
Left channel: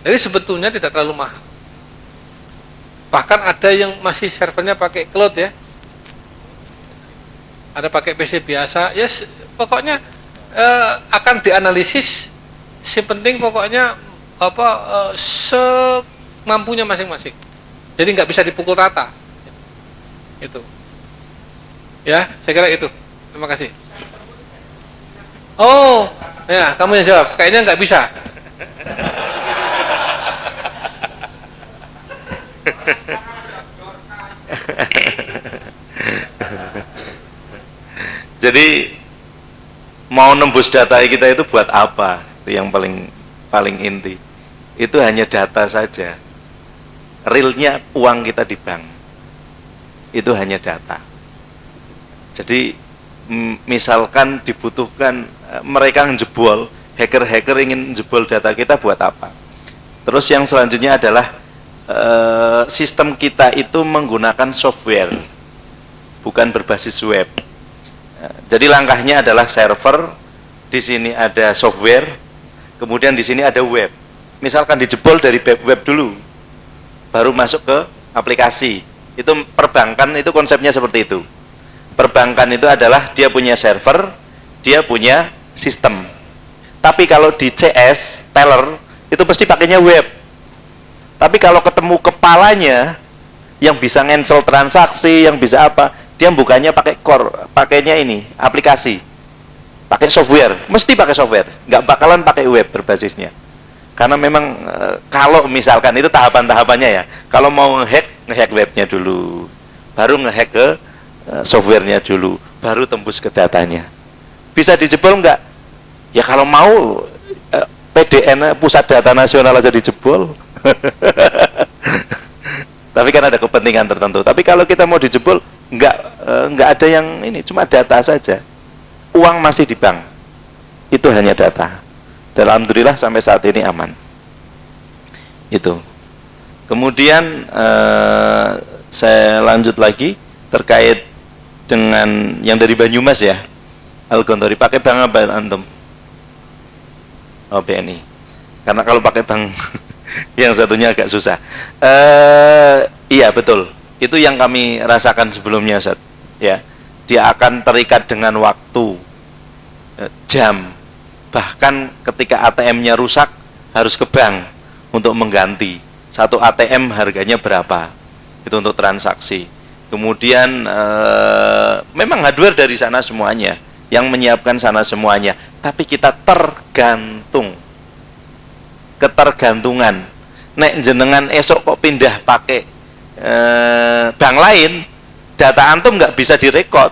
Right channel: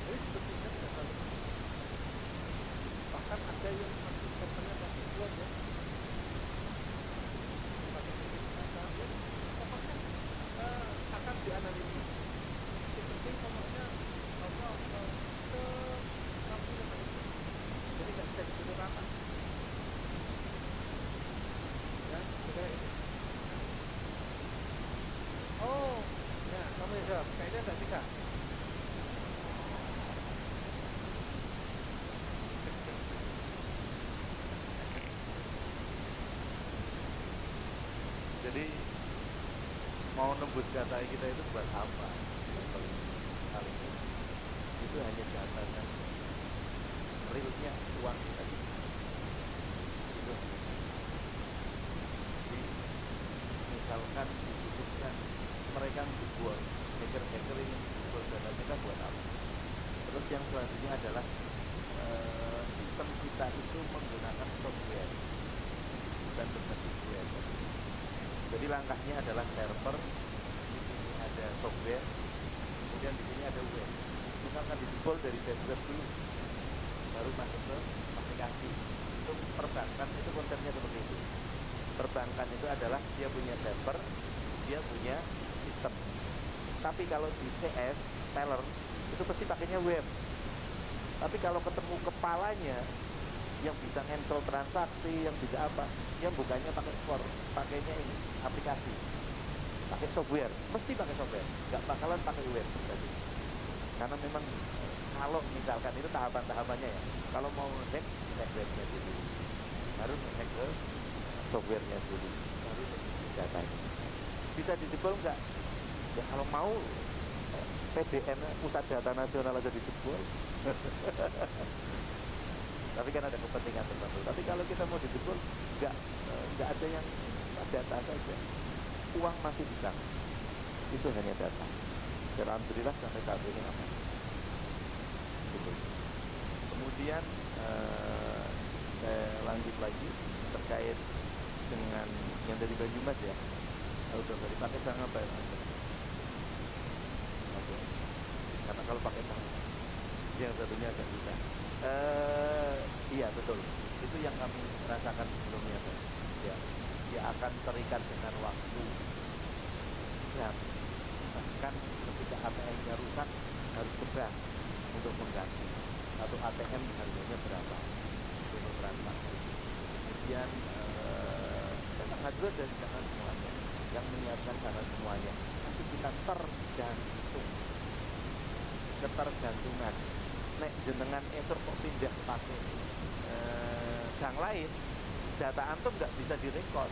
Jadi sebetulnya tidak terlalu mahal. Bahkan ada yang masih servernya pakai cloud ya, ada pakai PC biasa ya. Pokoknya akan dianalisis, si penting pokoknya semampunya masing-masing. Jadi nggak bisa dipukul rata. Itu. Ya, saya kira itu. Terima kasih. Oh, ya kamu yang jawab. Kayaknya nggak bisa. Jadi mau nembus data kita itu buat apa? Itu yang paling inti. Itu hanya data saja. Realnya uang kita di bank. Itu hanya data. Jadi misalkan dibutuhkan mereka ngejebol, hacker-hacker ingin jebol data kita buat apa? Terus yang selanjutnya adalah sistem kita itu menggunakan software, bukan berbasis web. Jadi langkahnya adalah server, di sini ada software, kemudian di sini ada web. Misalkan dijebol dari web dulu, baru masuk ke aplikasi. Itu perbankan itu konsepnya seperti itu. Perbankan itu adalah dia punya server, dia punya sistem. Tapi kalau di CS, teller, itu pasti pakainya web. Tapi kalau ketemu kepalanya yang bisa cancel transaksi, yang bisa apa, dia bukannya pakai core, pakainya ini, aplikasi. Pakai software, mesti pakai software. Nggak bakalan pakai web berbasisnya. Karena memang kalau misalkan itu tahapan-tahapannya ya. Kalau mau ngehack webnya dulu, baru ngehack ke softwarenya dulu, baru tembus ke datanya. Bisa dijebol nggak? Ya kalau mau PDN, Pusat Data Nasional aja dijebol. Tapi kan ada kepentingan tertentu. Tapi kalau kita mau dijebol, nggak ada yang ini, cuma data saja. Uang masih di bank, itu hanya data. Dan alhamdulillah sampai saat ini aman. Itu. Kemudian saya lanjut lagi terkait dengan yang dari Banyumas ya, Al-Gontori. Pakai bank apa antum? Oh, BNI. Karena kalau pakai bank yang satunya agak susah. Iya betul. Itu yang kami rasakan sebelumnya, Ustaz. Ya, dia akan terikat dengan waktu, jam. Bahkan ketika ATM-nya rusak harus ke bank untuk mengganti. Satu ATM harganya berapa? Itu untuk transaksi. Kemudian memang hardware dari sana semuanya, yang menyiapkan sana semuanya. Tapi kita tergantung, ketergantungan. Nek jenengan esok kok pindah pakai bank lain, data antum nggak bisa direkod.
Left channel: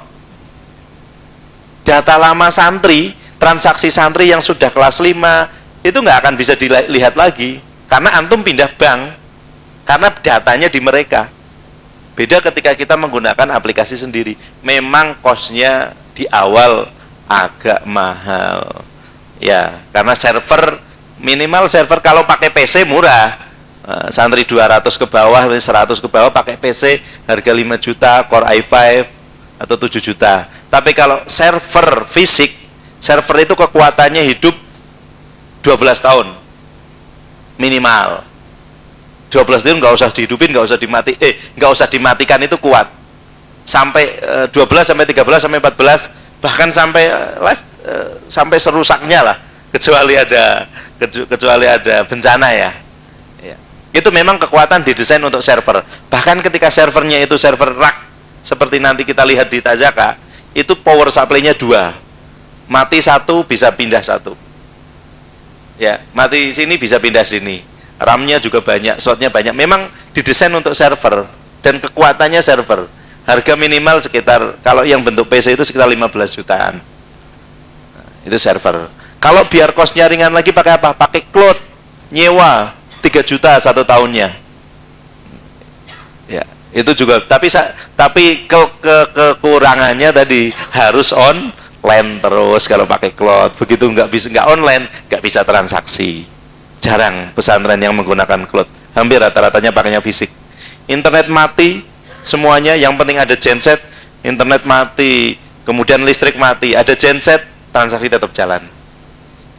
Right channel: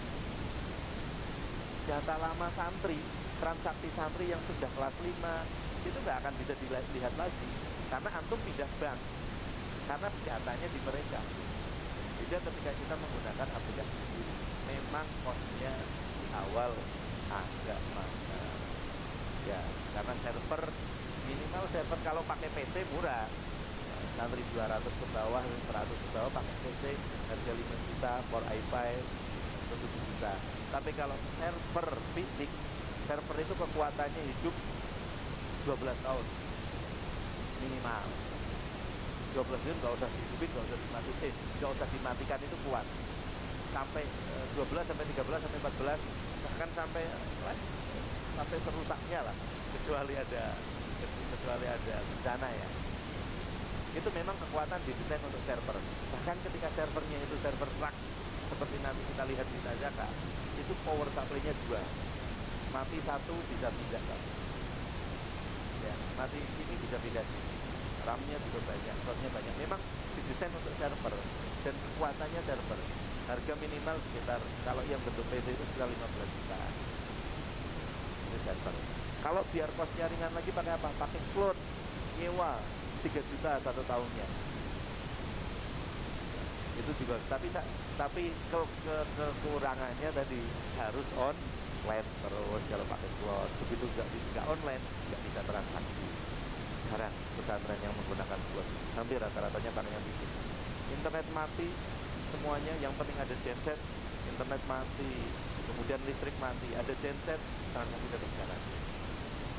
Data lama santri, transaksi santri yang sudah kelas 5 itu nggak akan bisa dilihat lagi karena antum pindah bank, karena datanya di mereka. Beda ketika kita menggunakan aplikasi sendiri, memang cost-nya di awal agak mahal ya, karena server, minimal server kalau pakai PC murah, santri 200 ke bawah, 100 ke bawah pakai PC harga 5 juta, Core i5 atau 7 juta. Tapi kalau server fisik, server itu kekuatannya hidup 12 tahun minimal. 12 tahun nggak usah dihidupin, nggak usah dimatikan, itu kuat. Sampai 12 sampai 13 sampai 14, bahkan sampai live sampai serusaknya lah, kecuali ada bencana ya. Itu memang kekuatan didesain untuk server. Bahkan ketika servernya itu server rack seperti nanti kita lihat di Tazaka, itu power supply-nya 2. Mati 1 bisa pindah 1. Ya, mati sini bisa pindah sini. RAM-nya juga banyak, slot-nya banyak. Memang didesain untuk server dan kekuatannya server. Harga minimal sekitar, kalau yang bentuk PC itu sekitar 15 jutaan. Itu server. Kalau biar cost-nya ringan lagi pakai apa? Pakai cloud, nyewa 3 juta 1 tahunnya. Ya, itu juga. Tapi kekurangannya tadi harus online terus kalau pakai cloud. Begitu nggak online, nggak bisa transaksi. jarang pesantren yang menggunakan cloud. Hampir rata-ratanya pakainya fisik. Internet mati semuanya, yang penting ada genset. Internet mati, kemudian listrik mati, ada genset, transaksi tetap jalan.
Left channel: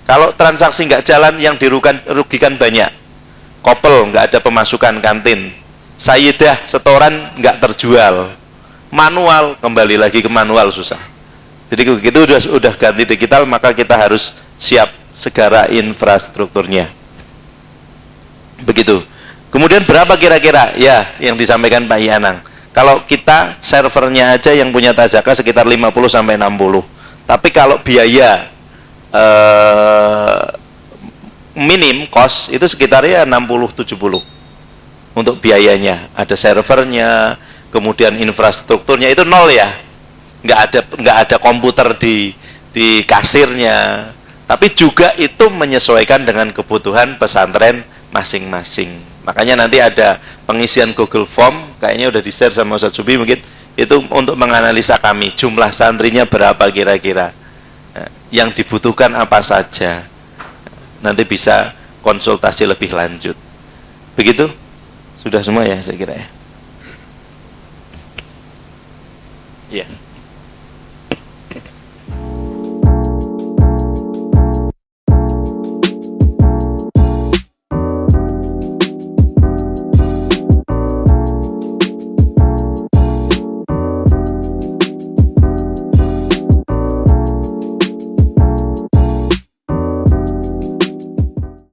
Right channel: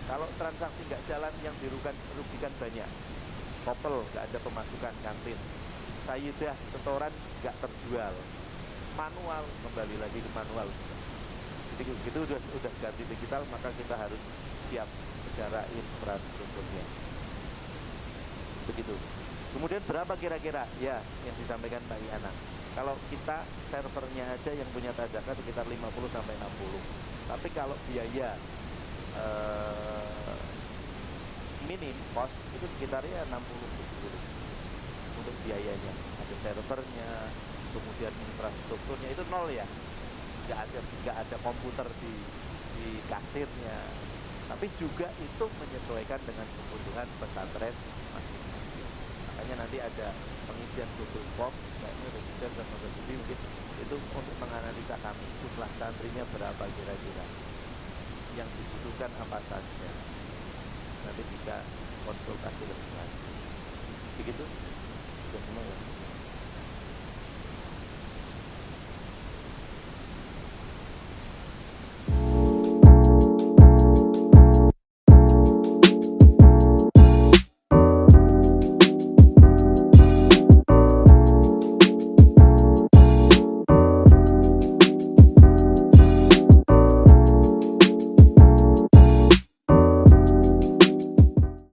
Kalau transaksi nggak jalan, yang dirugikan banyak. Kopel nggak ada pemasukan kantin, Sayyidah setoran nggak terjual, manual kembali lagi ke manual susah. Jadi begitu udah ganti digital, maka kita harus siap segala infrastrukturnya. Begitu. Kemudian berapa kira-kira? Ya, yang disampaikan Pak Yanang. Kalau kita servernya aja yang punya Tazaka sekitar 50 sampai 60. Tapi kalau biaya minim cost itu sekitarnya 60-70 untuk biayanya. Ada servernya, kemudian infrastrukturnya itu nol ya. Nggak ada komputer di kasirnya. Tapi juga itu menyesuaikan dengan kebutuhan pesantren masing-masing. Makanya nanti ada pengisian Google Form, kayaknya udah di-share sama Ustadz Subi mungkin, itu untuk menganalisa kami, jumlah santrinya berapa kira-kira, yang dibutuhkan apa saja. Nanti bisa konsultasi lebih lanjut. Begitu? Sudah semua ya saya kira ya. Iya.